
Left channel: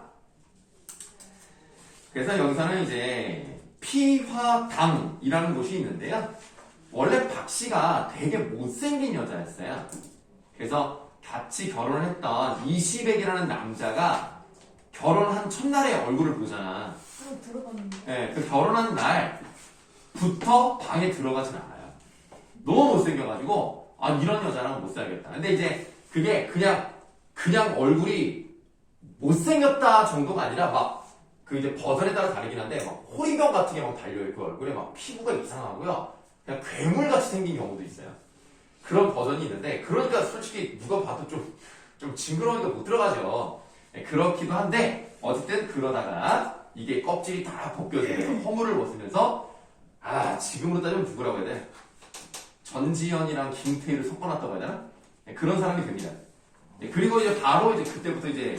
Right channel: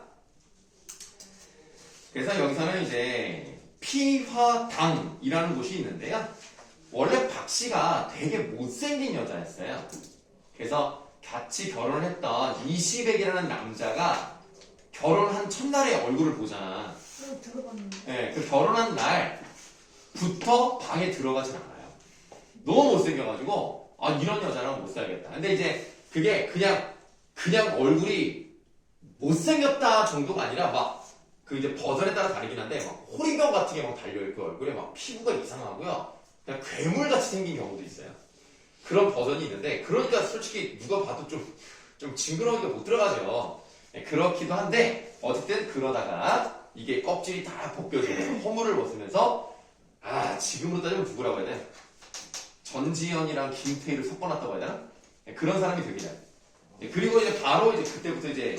그래서 여기서는 이제 피화당이라는 곳이 있는데요. 원래 박씨가 되게 못생긴 여자였어요. 그래서 같이 결혼을 했던 이시백이라는 남자가 결혼한 첫날에 얼굴을 보잖아. 들어갔는데. 네, 그 결혼한 날부터 방에 들어가진 않아요. 너무 못생겨가지고 아 이런 여자랑 못 살겠다. 근데 이제 그게 그냥 얼굴이 못생겼다 정도가 아니라 막 그 이제 버전에 따라 다르긴 한데 막 호리병 같은 게 막 달려있고 얼굴에 막 피부가 이상하고요. 그냥 괴물같이 생긴 경우도 있어요. 그런 버전이 있는데 그러니까 솔직히 누가 봐도 좀 징그러우니까 못 들어가죠. 네, 그렇기도 한데 어쨌든 그러다가 이게 껍질이 다 벗겨지면서 허물을 벗으면서 아 지금으로 따지면 누구라고 해야 돼? 전지현이랑 김태희를 섞어놨다고 해야 되나? 네, 그런 사람이 됩니다. 네, 그리고 이제 바로 이제 그때부터 이제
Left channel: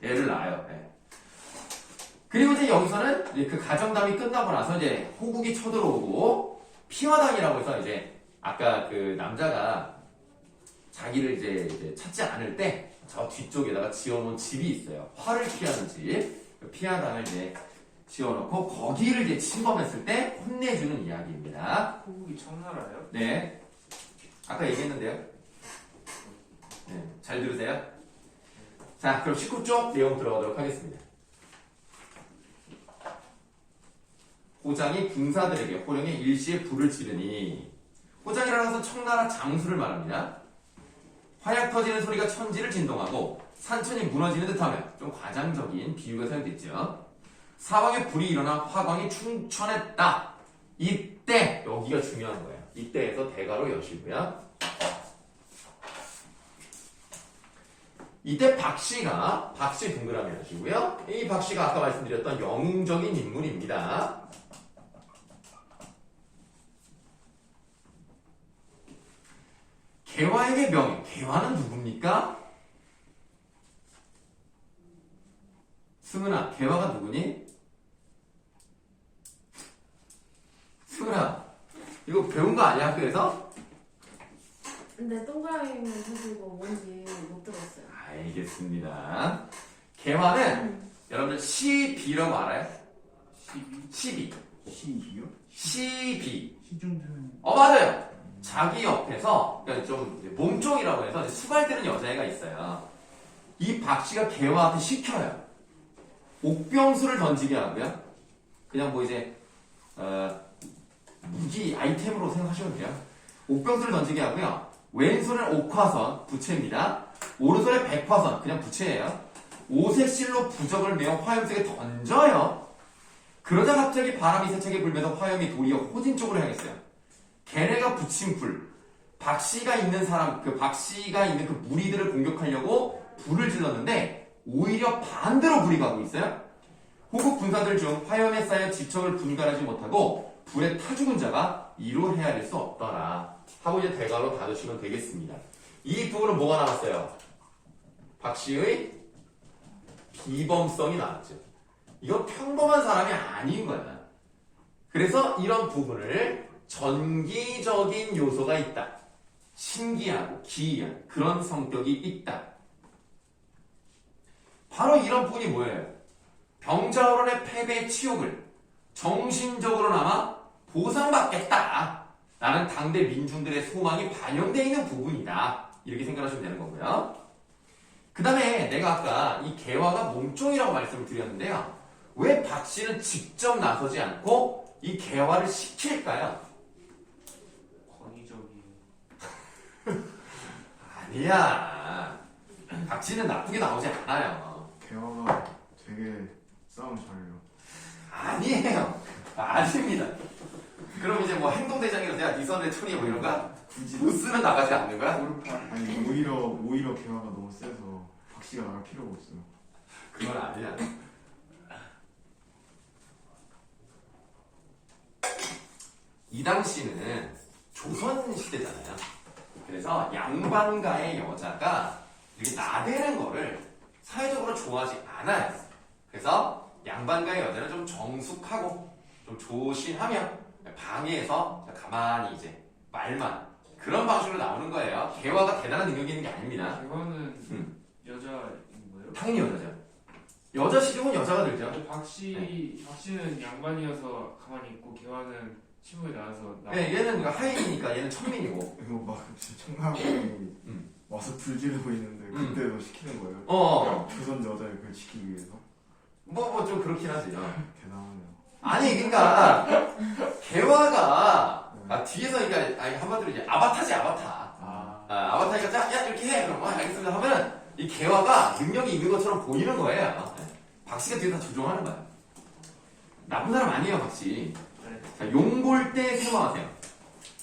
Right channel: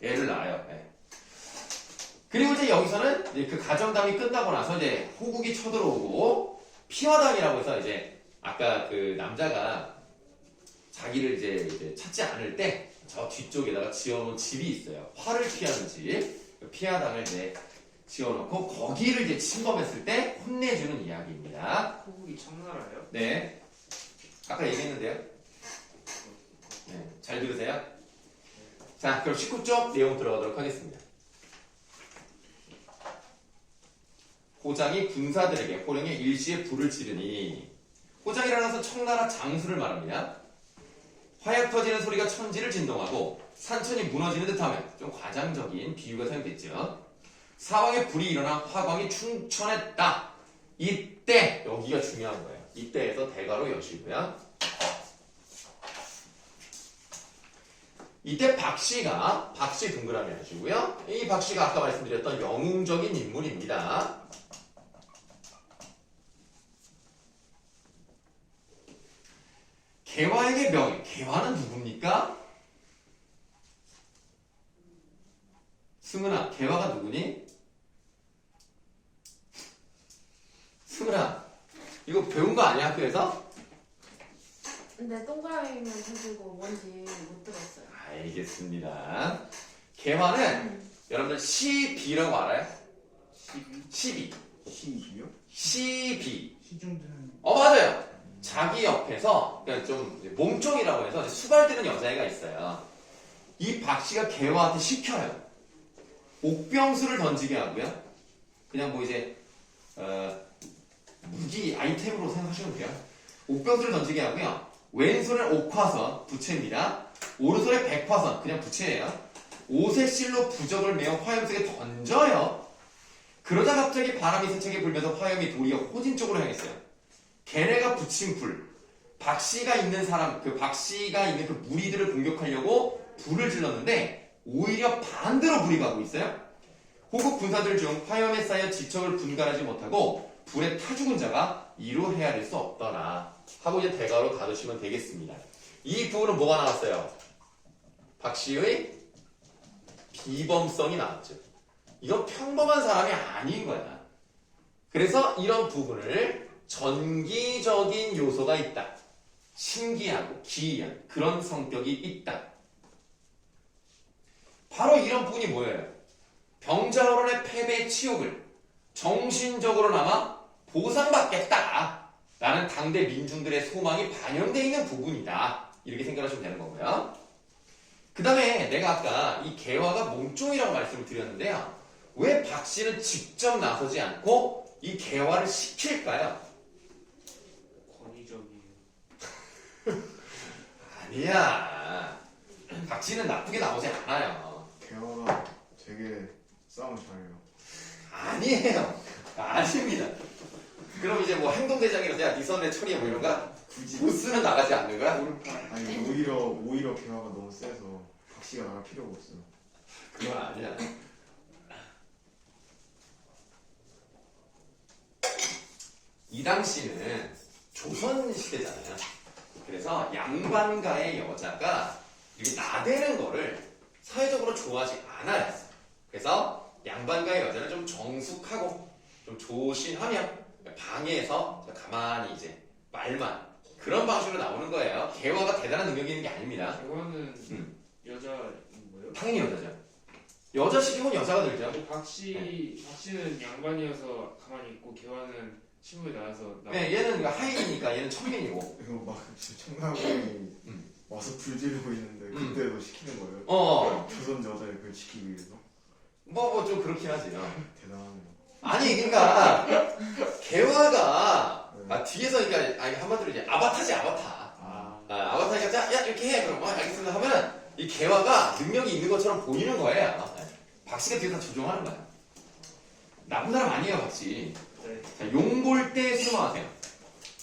얘를 낳아요. 네. 그리고 이제 여기서는 이제 그 가정담이 끝나고 나서 이제 호국이 쳐들어오고 피화당이라고 해서 이제 아까 그 남자가 자기를 이제 찾지 않을 때 저 뒤쪽에다가 지어놓은 집이 있어요. 화를 피하는 집. 그 피화당을 이제 지어놓고 거기를 이제 침범했을 때 혼내주는 이야기입니다. 호국이 청나라예요? 네. 아까 얘기했는데요. 네. 잘 들으세요. 자, 그럼 19쪽 내용 들어가도록 하겠습니다. 호장이 군사들에게 호령의 일시에 불을 지르니 호장이라는 것은 청나라 장수를 말합니다. 화약 터지는 소리가 천지를 진동하고 산천이 무너지는 듯하면 좀 과장적인 비유가 사용됐죠. 사방에 불이 일어나 화광이 충천했다. 이때 여기가 중요한 거예요. 이때에서 대가로 여시고요. 이때 박씨 동그라미 하시고요. 이 박씨가 아까 말씀드렸던 영웅적인 인물입니다. 개화에게 명예. 개화는 누굽니까? 승은아, 개화가 누구니? 승은아, 이거 배운 거 아니야 학교에서? 근데 동그라미는 해주고 뭔지 못 들었어요. 알겠습니다. 개화는 여러분들 시비라고 알아요? 12? 12. 시기요? 시비. 시중드는 맞아요. 자기 옆에서 그러니까 좀 몸종이라고 해서 이제 수발되는 여자애가 있어요. 이 박씨가 개화한테 시켜요. 옥병수를 던지게 하고요. 그냥 뭐 이제 무기 아이템으로 생각하시면 돼요. 옥병수를 던지게 하고요. 왼손에 옥화선 부채입니다. 오른손에 백화선 그냥 부채예요. 옷에 실로 부적을 메어 화염 속에 던져요. 그러자 갑자기 바람이 세차게 불면서 화염이 도리어 호진 쪽으로 향했어요. 걔네가 붙인 불, 박씨가 있는 사람, 그 박씨가 있는 그 무리들을 공격하려고 불을 질렀는데 오히려 반대로 불이 가고 있어요. 호국 군사들 중 화염에 쌓여 지척을 분갈하지 못하고 불에 타 죽은 자가 이로 헤아릴 수 없더라. 하고 이제 대가로 닫으시면 되겠습니다. 이 부분은 뭐가 나왔어요? 박씨의 비범성이 나왔죠. 이건 평범한 사람이 아닌 거야. 그래서 이런 부분을 전기적인 요소가 있다. 신기하고 기이한 그런 성격이 있다. 바로 이런 부분이 뭐예요? 병자호론의 패배의 치욕을 정신적으로나마 보상받겠다. 라는 당대 민중들의 소망이 반영되어 있는 부분이다. 이렇게 생각하시면 되는 거고요. 그 다음에 내가 아까 이 개화가 몸종이라고 말씀을 드렸는데요. 왜 박씨는 직접 나서지 않고 이 개화를 시킬까요? 권위적이에요. 아니야. 박씨는 나쁘게 나오지 않아요. 개화가 되게 싸움 잘해요. 아니에요. 아닙니다. 그럼 이제 뭐 행동대장이라서 야, 니 선에 천이야 뭐 이런 거? 굳이 무스는 나가지 않는 거야? 아니 오히려 개화가 너무 세서 박씨가 나갈 필요가 없어요. 그건 아니야. 이 당시는 조선 시대잖아요. 그래서 양반가의 여자가 이렇게 나대는 거를 사회적으로 좋아하지 않아요. 그래서 양반가의 여자는 좀 정숙하고 좀 조심하며 방에서 가만히 이제 말만 그런 방식으로 나오는 거예요. 개화가 대단한 능력이 있는 게 아닙니다. 개화는 여자인 거예요? 당연히 여자죠. 여자 시중은 여자가 들죠. 근데 박씨는 양반이어서 가만히 있고 개화는 신부에 나와서 네, 얘는 그러니까 하인이니까 얘는 천민이고. 이거 막 청나라이 와서 불지르고 있는데 그때도 시키는 거예요. 조선 여자를 그걸 지키기 위해서. 뭐 좀 그렇긴 하지. 대단하네요. 아니 그러니까 개화가 뒤에서 그러니까 아니, 한마디로 이제 아바타지 아바타. 아바타니까 자, 야 이렇게 해. 그럼 알겠습니다 하면은 이 개화가 능력이 있는 것처럼 보이는 거예요. 박씨가 뒤에 다 조종하는 거야. 나쁜 사람 아니에요, 박씨. 네. 자, 용골대 생각하세요.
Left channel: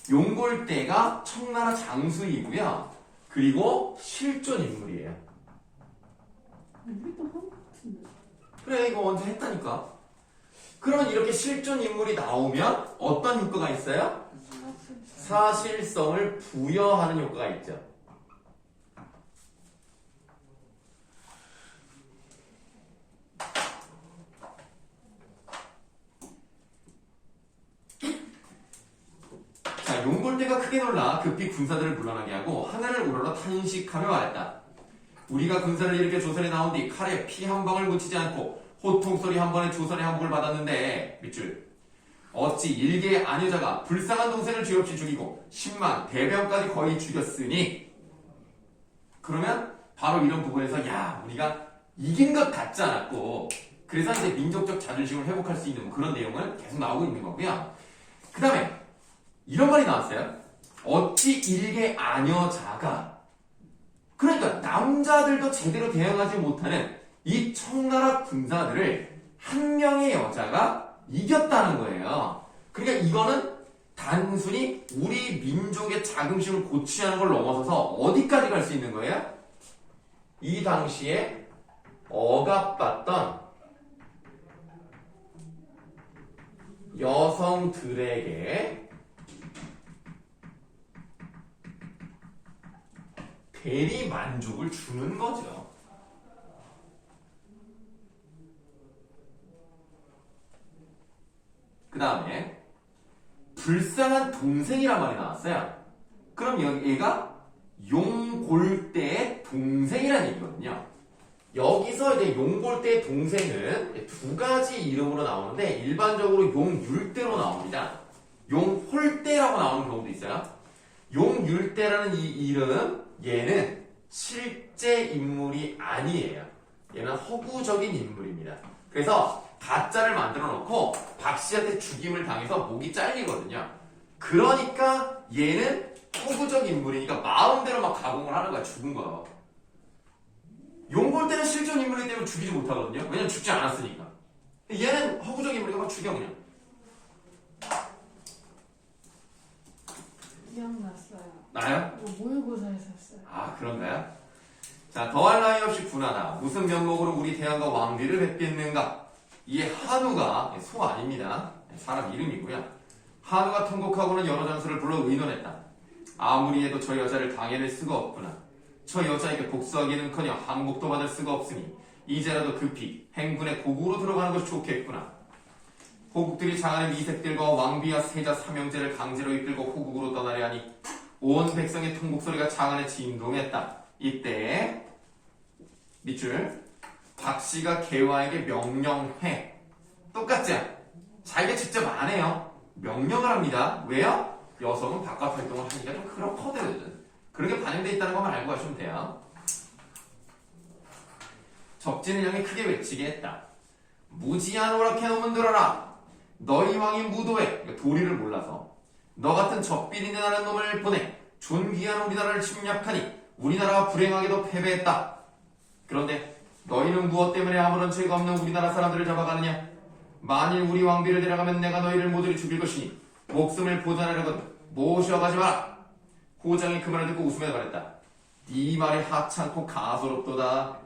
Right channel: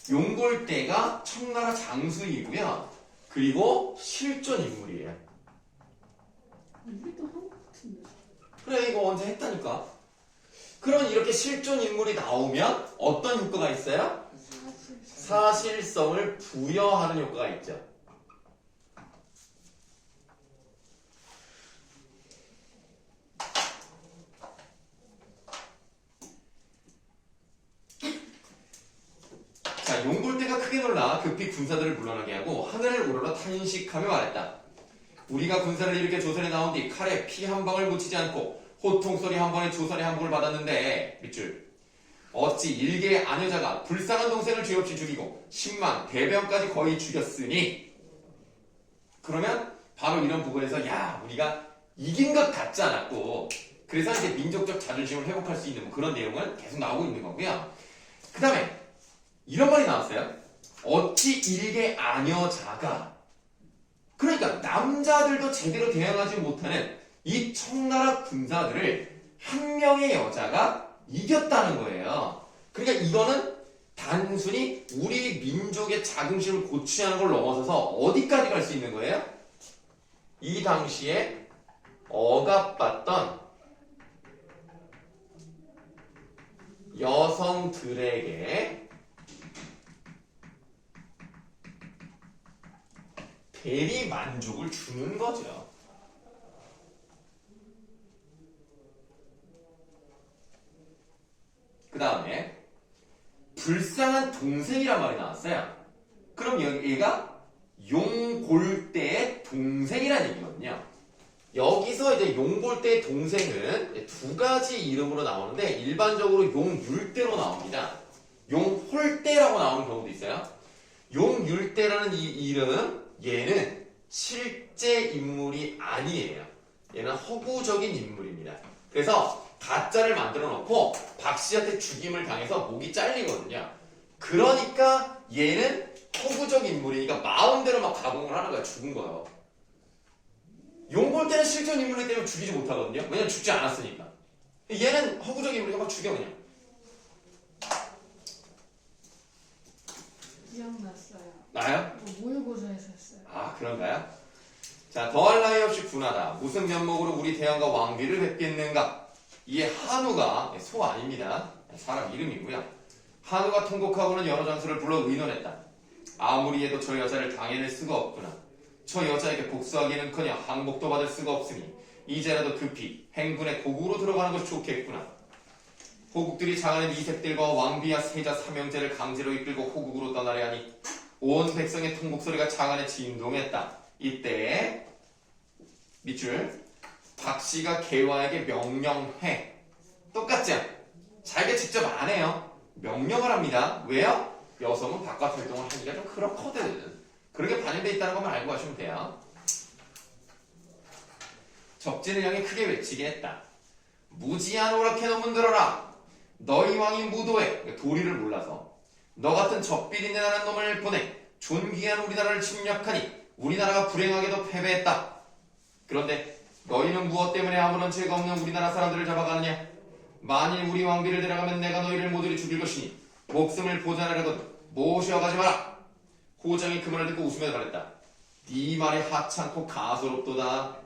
용골대가 청나라 장수이고요. 그리고 실존 인물이에요. 우리도 한 것 같은데. 그래, 이거 언제 했다니까. 그러면 이렇게 실존 인물이 나오면 어떤 효과가 있어요? 사실성을 부여하는 효과가 있죠. 자, 용골대가 크게 놀라 급히 군사들을 물러나게 하고 하늘을 우러러 탄식하며 말했다. 우리가 군사를 일으켜 조선에 나온 뒤 칼에 피 한 방울 묻히지 않고 호통소리 한 번에 조선의 항복을 받았는데 밑줄 어찌 일개의 아녀자가 불쌍한 동생을 죄 없이 죽이고 10만 대병까지 거의 죽였으니 그러면 바로 이런 부분에서 야 우리가 이긴 것 같지 않았고 그래서 이제 민족적 자존심을 회복할 수 있는 뭐 그런 내용은 계속 나오고 있는 거고요. 그 다음에 이런 말이 나왔어요. 어찌 일개 아녀자가 그러니까 남자들도 제대로 대응하지 못하는 이 청나라 군사들을 한 명의 여자가 이겼다는 거예요. 그러니까 이거는 단순히 우리 민족의 자긍심을 고취하는 걸 넘어서서 어디까지 갈 수 있는 거예요? 이 당시에 억압받던 여성들에게 대리 만족을 주는 거죠. 그 다음에 불쌍한 동생이란 말이 나왔어요. 그럼 얘가 용골대의 동생이라는 얘기거든요. 여기서 이제 용골대의 동생은 두 가지 이름으로 나오는데 일반적으로 용율대로 나옵니다. 용홀대라고 나오는 경우도 있어요. 용율대라는 이 이름은 얘는 실제 인물이 아니에요. 얘는 허구적인 인물입니다. 그래서 가짜를 만들어 놓고 박씨한테 죽임을 당해서 목이 잘리거든요. 그러니까 얘는 허구적 인물이니까 마음대로 막 가공을 하는 거야. 죽은 거요. 용골 때는 실존 인물이기 때문에 죽이지 못하거든요. 왜냐면 죽지 않았으니까. 얘는 허구적 인물이니까 막 죽여 그냥. 기억났어요. 나요? 뭐 모의고사에서 했어요. 아 그런가요? 자, 더할 나위 없이 분하다. 무슨 면목으로 우리 대왕과 왕비를 뵙겠는가? 이게 한우가 소 아닙니다. 사람 이름이고요. 한우가 통곡하고는 여러 장수를 불러 의논했다. 아무리 해도 저 여자를 당해낼 수가 없구나. 저 여자에게 복수하기는커녕 항복도 받을 수가 없으니 이제라도 급히 행군의 고국으로 들어가는 것이 좋겠구나. 호국들이 장하는 이색들과 왕비와 세자 삼형제를 강제로 이끌고 호국으로 떠나려 하니 온 백성의 통곡소리가 장안에 진동했다. 이때 밑줄 박씨가 개화에게 명령해. 똑같죠? 자기가 직접 안 해요. 명령을 합니다. 왜요? 여성은 바깥 활동을 하기가 좀 그렇거든. 그렇게 반영되어 있다는 것만 알고 가시면 돼요. 적진을 향해 크게 외치게 했다. 무지한 오락해 놈은 들어라. 너희 왕이 무도해. 도리를 몰라서 너 같은 적비린내 나는 놈을 보내 존귀한 우리나라를 침략하니 우리나라가 불행하게도 패배했다. 그런데 너희는 무엇 때문에 아무런 죄가 없는 우리나라 사람들을 잡아가느냐? 만일 우리 왕비를 데려가면 내가 너희를 모조리 죽일 것이니 목숨을 보존하려거든 모셔가지 마라. 호정이 그 말을 듣고 웃으며 말했다. 네 말이 하찮고 가소롭도다.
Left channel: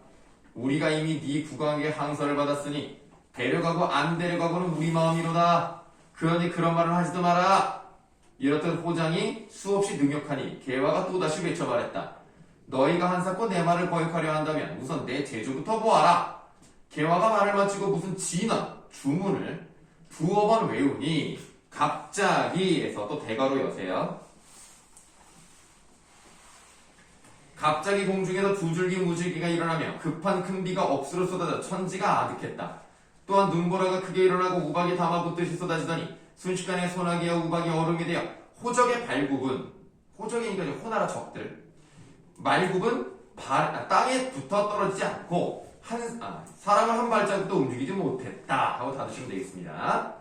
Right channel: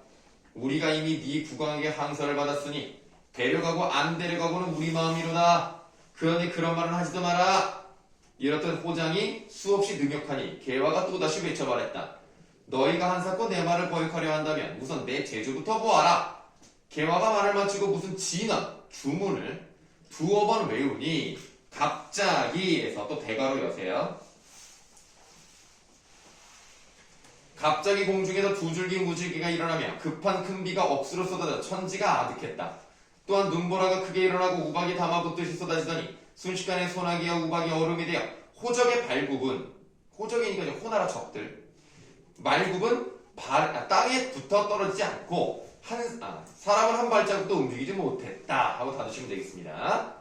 우리가 이미 네 국왕에게 항서를 받았으니 데려가고 안 데려가고는 우리 마음이로다. 그러니 그런 말을 하지도 마라. 이렇듯 호장이 수없이 능욕하니 개화가 또다시 외쳐 말했다. 너희가 한사코 내 말을 거역하려 한다면 우선 내 제주부터 보아라. 개화가 말을 마치고 무슨 진언, 주문을 두어 번 외우니 갑자기에서 또 대가로 여세요. 갑자기 공중에서 두 줄기 무줄기가 일어나며 급한 큰 비가 억수로 쏟아져 천지가 아득했다. 또한 눈보라가 크게 일어나고 우박이 담아붙듯이 쏟아지더니 순식간에 소나기와 우박이 얼음이 되어 호적의 발굽은 호적이니까 이제 호나라 적들 말굽은 땅에 붙어 떨어지지 않고 사람을 한 발자국도 움직이지 못했다 하고 닫으시면 되겠습니다.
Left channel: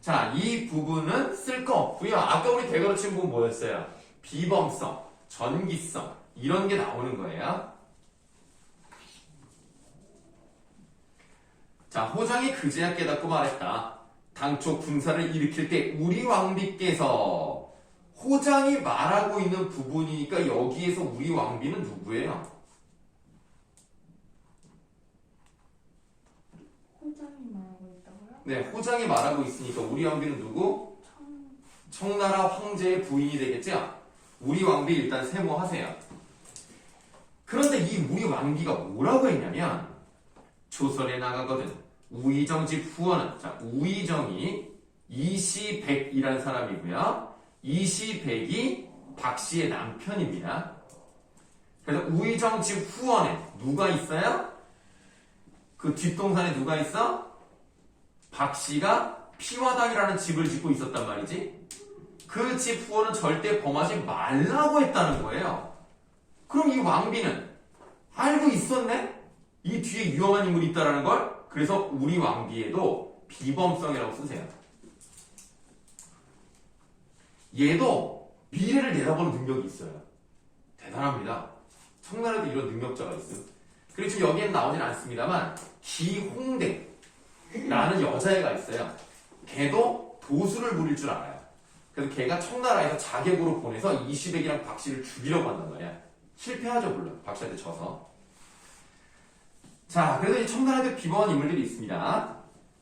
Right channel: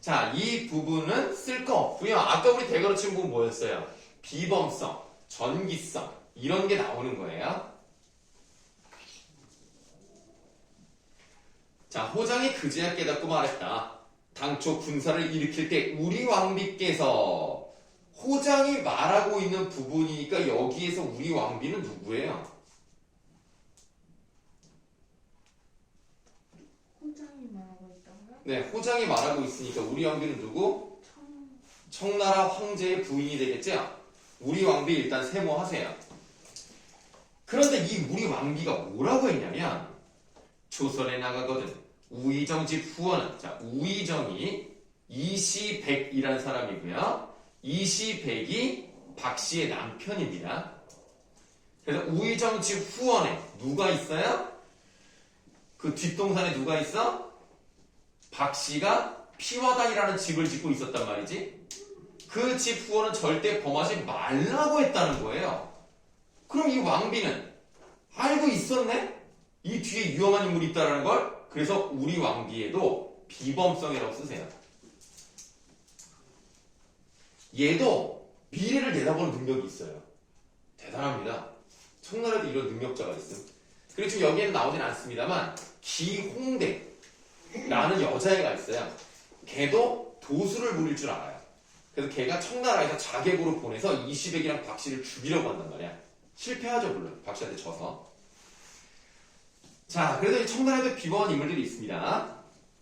자, 이 부분은 쓸 거 없고요. 아까 우리 대괄호 친 부분 뭐였어요? 비범성, 전기성 이런 게 나오는 거예요. 자, 호장이 그제야 깨닫고 말했다. 당초 군사를 일으킬 때 우리 왕비께서 호장이 말하고 있는 부분이니까 여기에서 우리 왕비는 누구예요? 호장이 말하고 있다고요? 네, 호장이 말하고 있으니까 우리 왕비는 누구? 청나라 황제의 부인이 되겠죠? 우리 왕비 일단 세모하세요. 그런데 이 우리 왕비가 뭐라고 했냐면 조선에 나가거든 우의정 집 후원은 자 우의정이 이시백이라는 사람이고요. 이시백이 박씨의 남편입니다. 그래서 우의정 집 후원에 누가 있어요? 그 뒷동산에 누가 있어? 박씨가 피화당이라는 집을 짓고 있었단 말이지. 그 집 후원은 절대 범하지 말라고 했다는 거예요. 그럼 이 왕비는 알고 있었네? 이 뒤에 위험한 인물이 있다는 걸? 그래서 우리 왕비에도 비범성이라고 쓰세요. 얘도 미래를 내다보는 능력이 있어요. 대단합니다. 청나라에도 이런 능력자가 있어요. 그리고 지금 여기에는 나오진 않습니다만 기홍대라는 여자애가 있어요. 걔도 도수를 부릴 줄 알아요. 그래서 걔가 청나라에서 자객으로 보내서 이시백이랑 박씨를 죽이려고 한단 말이야. 실패하죠 물론 박씨한테 져서. 자, 그래도 이 청나라에도 비범한 인물들이 있습니다.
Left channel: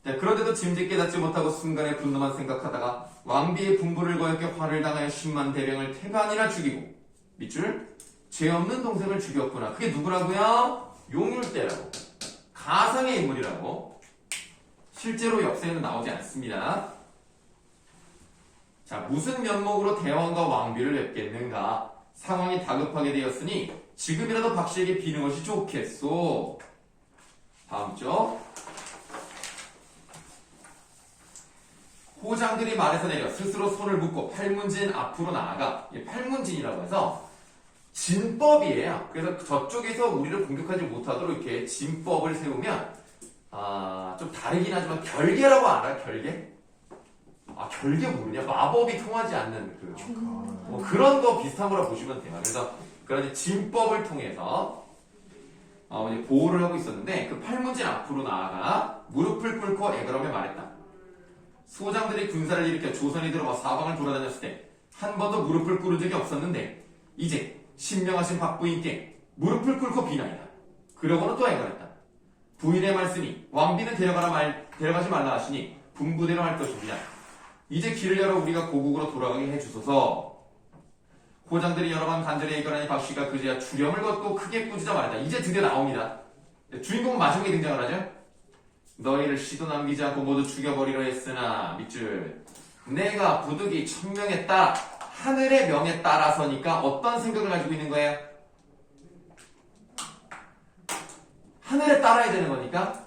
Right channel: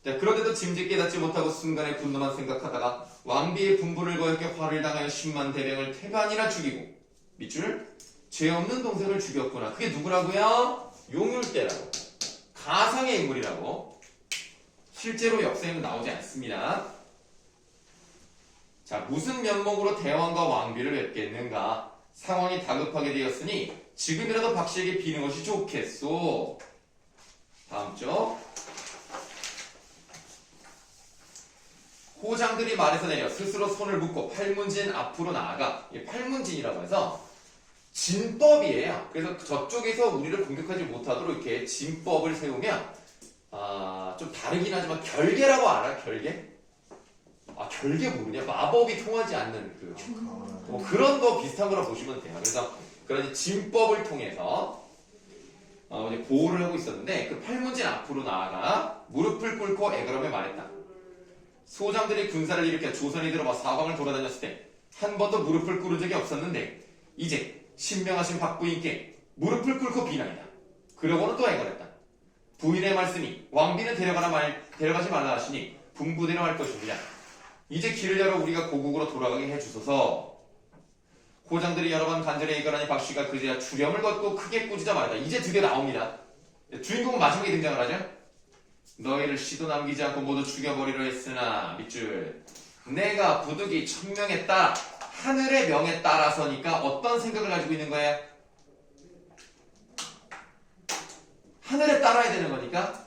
자, 그런데도 짐짓 깨닫지 못하고 순간에 분노만 생각하다가 왕비의 분부를 거역해 화를 당하여 10만 대병을 태반이나 죽이고 밑줄 죄 없는 동생을 죽였구나. 그게 누구라고요? 용율대라고. 가상의 인물이라고. 실제로 역사에는 나오지 않습니다. 자, 무슨 면목으로 대왕과 왕비를 뵙겠는가? 상황이 다급하게 되었으니 지금이라도 박씨에게 비는 것이 좋겠소. 다음 쪽. 호장들이 말에서 내려 스스로 손을 묶고 팔문진 앞으로 나아가. 이게 팔문진이라고 해서 진법이에요. 그래서 저쪽에서 우리를 공격하지 못하도록 이렇게 진법을 세우면 좀 다르긴 하지만 결계라고 알아? 결계? 결계 모르냐? 마법이 통하지 않는 뭐 그런 거 비슷한 거라 보시면 돼요. 그래서 그런 진법을 통해서 이제 보호를 하고 있었는데 그 팔문진 앞으로 나아가 무릎을 꿇고 애걸하며 말했다. 소장들이 군사를 일으켜 조선이 들어와 사방을 돌아다녔을 때 한 번도 무릎을 꿇은 적이 없었는데 이제 신명하신 박부인께 무릎을 꿇고 비나이다. 그러고는 또 애걸했다. 부인의 말씀이 왕비는 데려가지 말라 하시니 분부대로 할 것입니다. 이제 길을 열어 우리가 고국으로 돌아가게 해주소서. 호장들이 여러 번 간절히 애걸하니 박씨가 그제야 주령을 걷고 크게 꾸짖어 말했다. 이제 드디어 나옵니다. 주인공은 마지막에 등장을 하죠. 너희를 시도 남기지 않고 모두 죽여버리려 했으나 밑줄 내가 부득이 천명에 따라 하늘의 명에 따라서니까 어떤 생각을 가지고 있는 거야? 하늘에 따라야 되는 거니까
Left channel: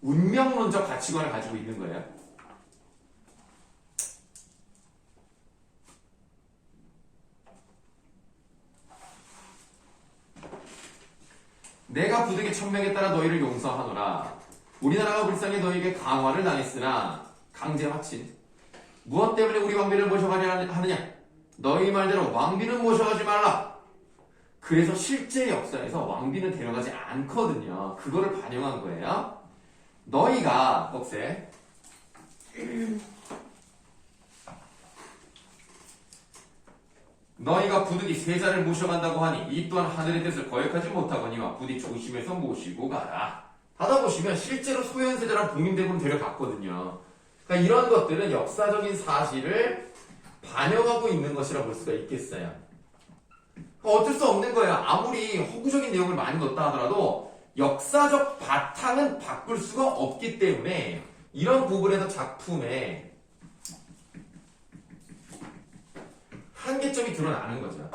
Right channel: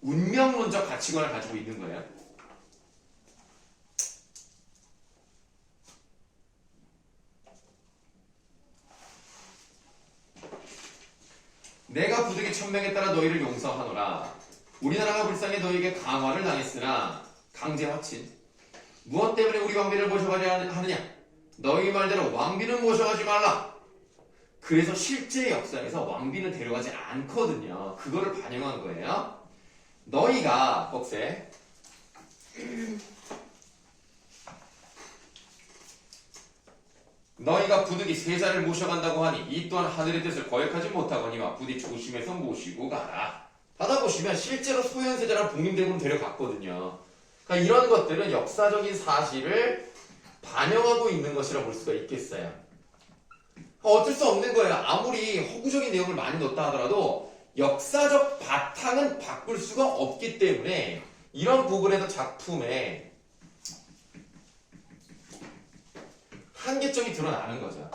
운명론적 가치관을 가지고 있는 거예요. 내가 부득이 천명에 따라 너희를 용서하노라. 우리나라가 불쌍히 너희에게 강화를 당했으나 강제 확친. 무엇 때문에 우리 왕비를 모셔가지 하느냐? 너희 말대로 왕비는 모셔가지 말라. 그래서 실제 역사에서 왕비는 데려가지 않거든요. 그거를 반영한 거예요. 너희가 억세 너희가 부득이 세자를 모셔간다고 하니 이 또한 하늘의 뜻을 거역하지 못하거니와 부디 조심해서 모시고 가라. 받아보시면 실제로 소현세자랑 복림대군을 데려갔거든요. 그러니까 이런 것들은 역사적인 사실을 반영하고 있는 것이라 볼 수가 있겠어요. 어쩔 수 없는 거예요. 아무리 허구적인 내용을 많이 넣었다 하더라도 역사적 바탕은 바꿀 수가 없기 때문에 이런 부분에서 작품에 한계점이 드러나는 거죠.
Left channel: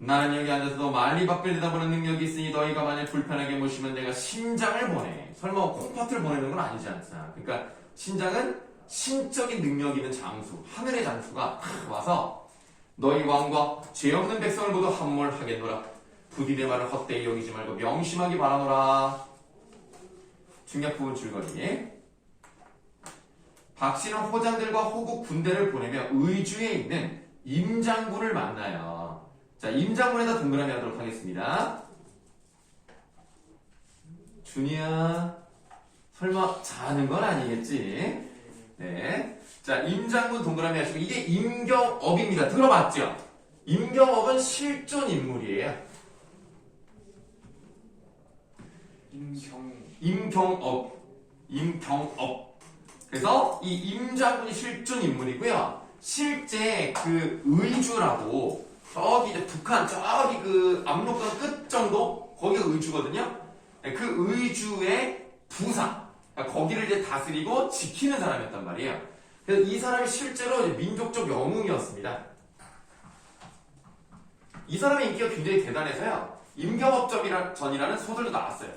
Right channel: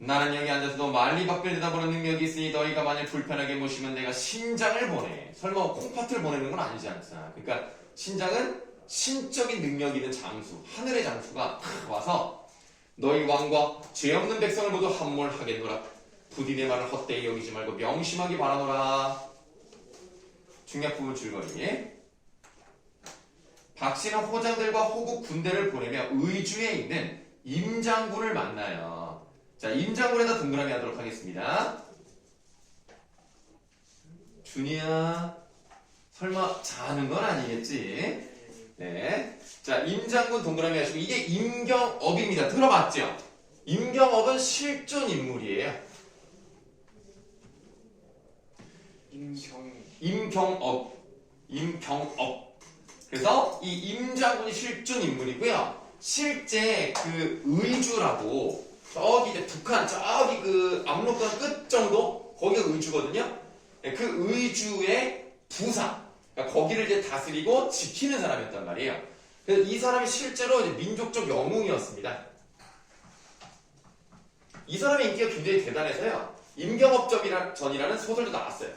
나는 여기 앉아서도 말리 밖을 내다보는 능력이 있으니 너희가 만약 불편하게 모시면 내가 신장을 보내. 설마 콩팥을 보내는 건 아니지 않잖아. 그러니까 신장은 신적인 능력 있는 장수, 하늘의 장수가 와서 너희 왕과 죄 없는 백성을 모두 함몰하겠노라. 부디 내 말을 헛되이 여기지 말고 명심하기 바라노라. 중략 부분 줄거리. 박씨는 호장들과 호국 군대를 보내며 의주에 있는 임장군을 만나요. 자, 임장군에다 동그라미 하도록 하겠습니다. 준이야, 설마 자는 건 아니겠지? 네. 자, 임장군 동그라미 하시고, 이게 임경업입니다. 들어봤죠? 임경업은 실존 인물이에요. 임경업. 그래서 이 임장군이 실존 인물이고요. 실제 그 의주라고, 저기 이제 북한, 저기 그 압록강 끝 정도? 거기가 의주거든요. 네, 그 의주의 부사. 그러니까 거기를 이제 다스리고 지키는 사람이었단 말이에요. 그래서 이 사람이 실제로 이제 민족적 영웅이었습니다. 이 사람의 인기가 굉장히 대단해서요. 임경업전이라는 소설도 나왔어요.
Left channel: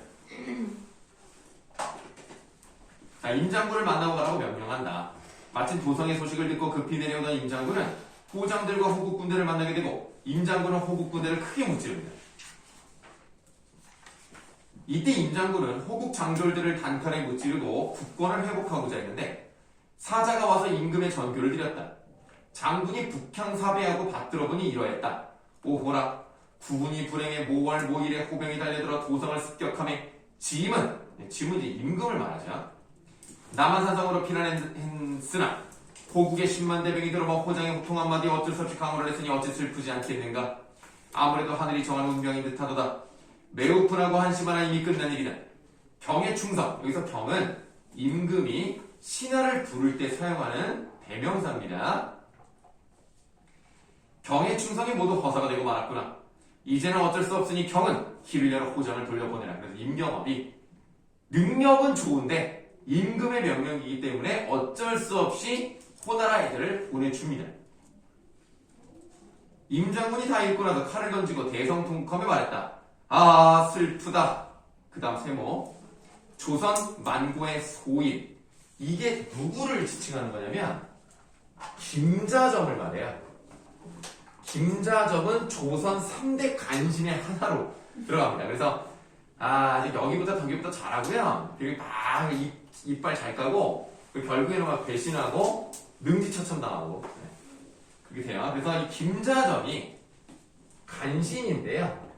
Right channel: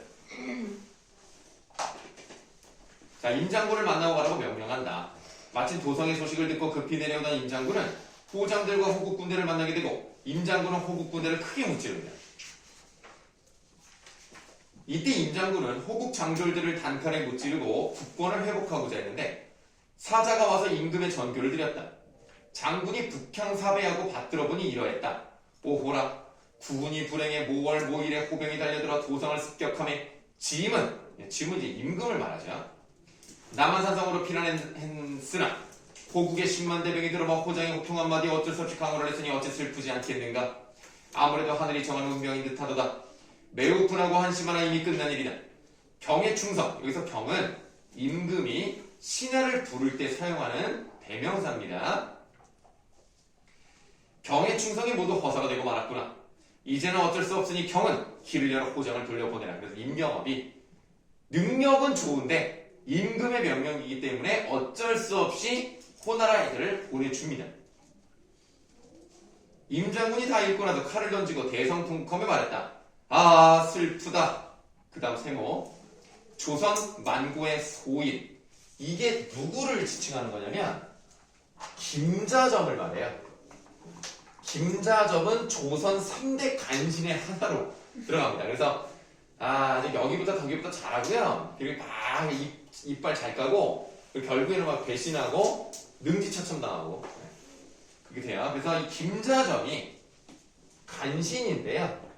자, 임장군을 만나고 가라고 명령한다. 마침 도성의 소식을 듣고 급히 내려오던 임장군은 호장들과 호국 군대를 만나게 되고 임장군은 호국 군대를 크게 무찌릅니다. 이때 임장군은 호국 장졸들을 단칼에 무찌르고 국권을 회복하고자 했는데 사자가 와서 임금의 전교를 드렸다. 장군이 북향사배하고 받들어보니 이러했다. 오호라, 국군이 불행해 모월 모일에 호병이 달려들어 도성을 습격함에 짐은 이제 임금을 말하죠. 남한산성으로 피난했으나 호국의 10만 대병이 들어와 호장의 호통 한마디 어쩔 수 없이 강호를 했으니 어찌 슬프지 않겠는가. 아무래도 하늘이 정한 운명인 듯하도다. 매우 분하고 한심하나 이미 끝난 일이다. 경의 충성, 여기서 경은 임금이 신하를 부를 때 사용하는 대명사입니다. 경의 충성이 모두 허사가 되고 말았구나. 이제는 어쩔 수 없으니 경은 길을 열어 호장을 돌려보내라. 그래서 임경업이 능력은 좋은데 임금의 명령이기 때문에 어쩔 수 없이 호나라 애들을 보내줍니다. 임장군이 다 읽고 나서 칼을 던지고 대성통컴에 말했다. 아, 슬프다. 그 다음 세모. 조선 만고의 소인. 이게 누구를 지칭하는 거냐면 김자점을 말해요. 김자점은 조선 3대 간신의 하나로 들어갑니다. 그래서 여기보다 저기보다 잘하고요. 그리고 막 이빨 잘 까고 그리고 결국에는 막 배신하고 능지처참 당하고 그게 돼요. 그래서 이 김자점이 간신인데요.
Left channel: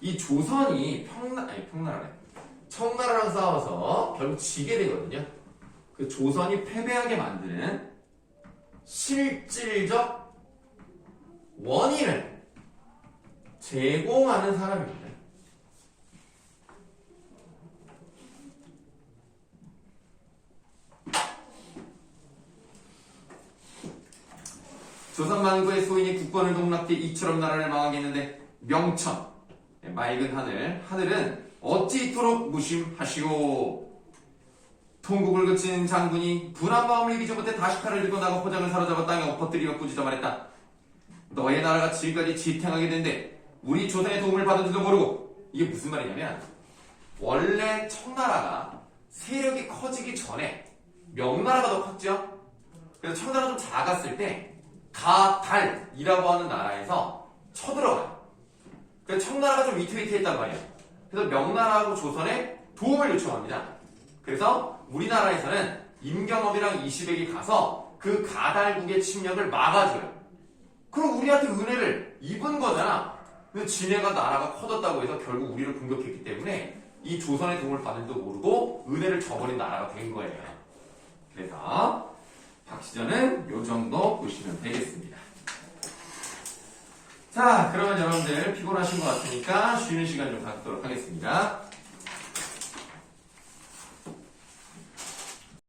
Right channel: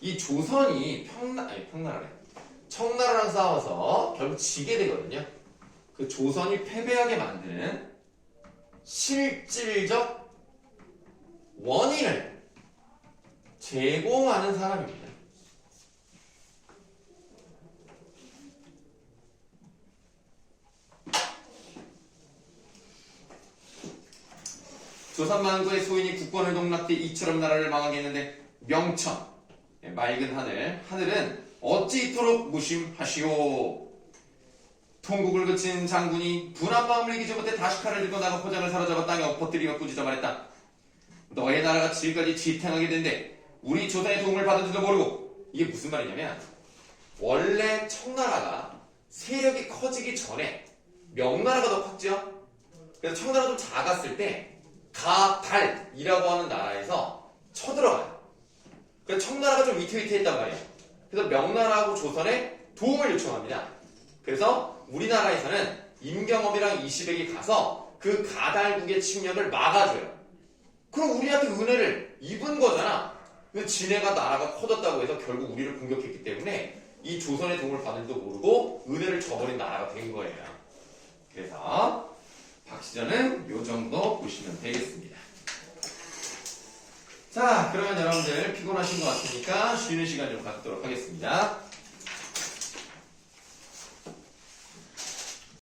이 조선이 청나라랑 싸워서 결국 지게 되거든요. 그 조선이 패배하게 만드는 실질적 원인을 제공하는 사람입니다. 조선 만고의 소인이 국권을 농락돼 이처럼 나라를 망하게 했는데 명천, 맑은 하늘은 어찌 이토록 무심하시오. 통곡을 그친 장군이 분한 마음을 이기지 못해 다시 칼을 들고 나가 호장을 사로잡아 땅에 엎어뜨리며 꾸짖어 말했다. 너의 나라가 지금까지 지탱하게 된데 우리 조선의 도움을 받은 줄도 모르고. 이게 무슨 말이냐면 원래 청나라가 세력이 커지기 전에 명나라가 더 컸죠. 그래서 청나라가 좀 작았을 때 가달이라고 하는 나라에서 쳐들어가요. 그래서 청나라가 좀 위태위태했단 말이에요. 그래서 명나라하고 조선에 도움을 요청합니다. 그래서 우리나라에서는 임경업이랑 이시백이 가서 그 가달국의 침략을 막아줘요. 그럼 우리한테 은혜를 입은 거잖아. 근데 지네가 나라가 커졌다고 해서 결국 우리를 공격했기 때문에 이 조선의 도움을 받은 줄도 모르고 은혜를 저버린 나라가 된 거예요. 그래서 박시전은 요 정도 보시면 되겠습니다. 자, 그러면 여러분들 피곤하신 것 같으니까 쉬는 시간 좀 갖도록 하겠습니다.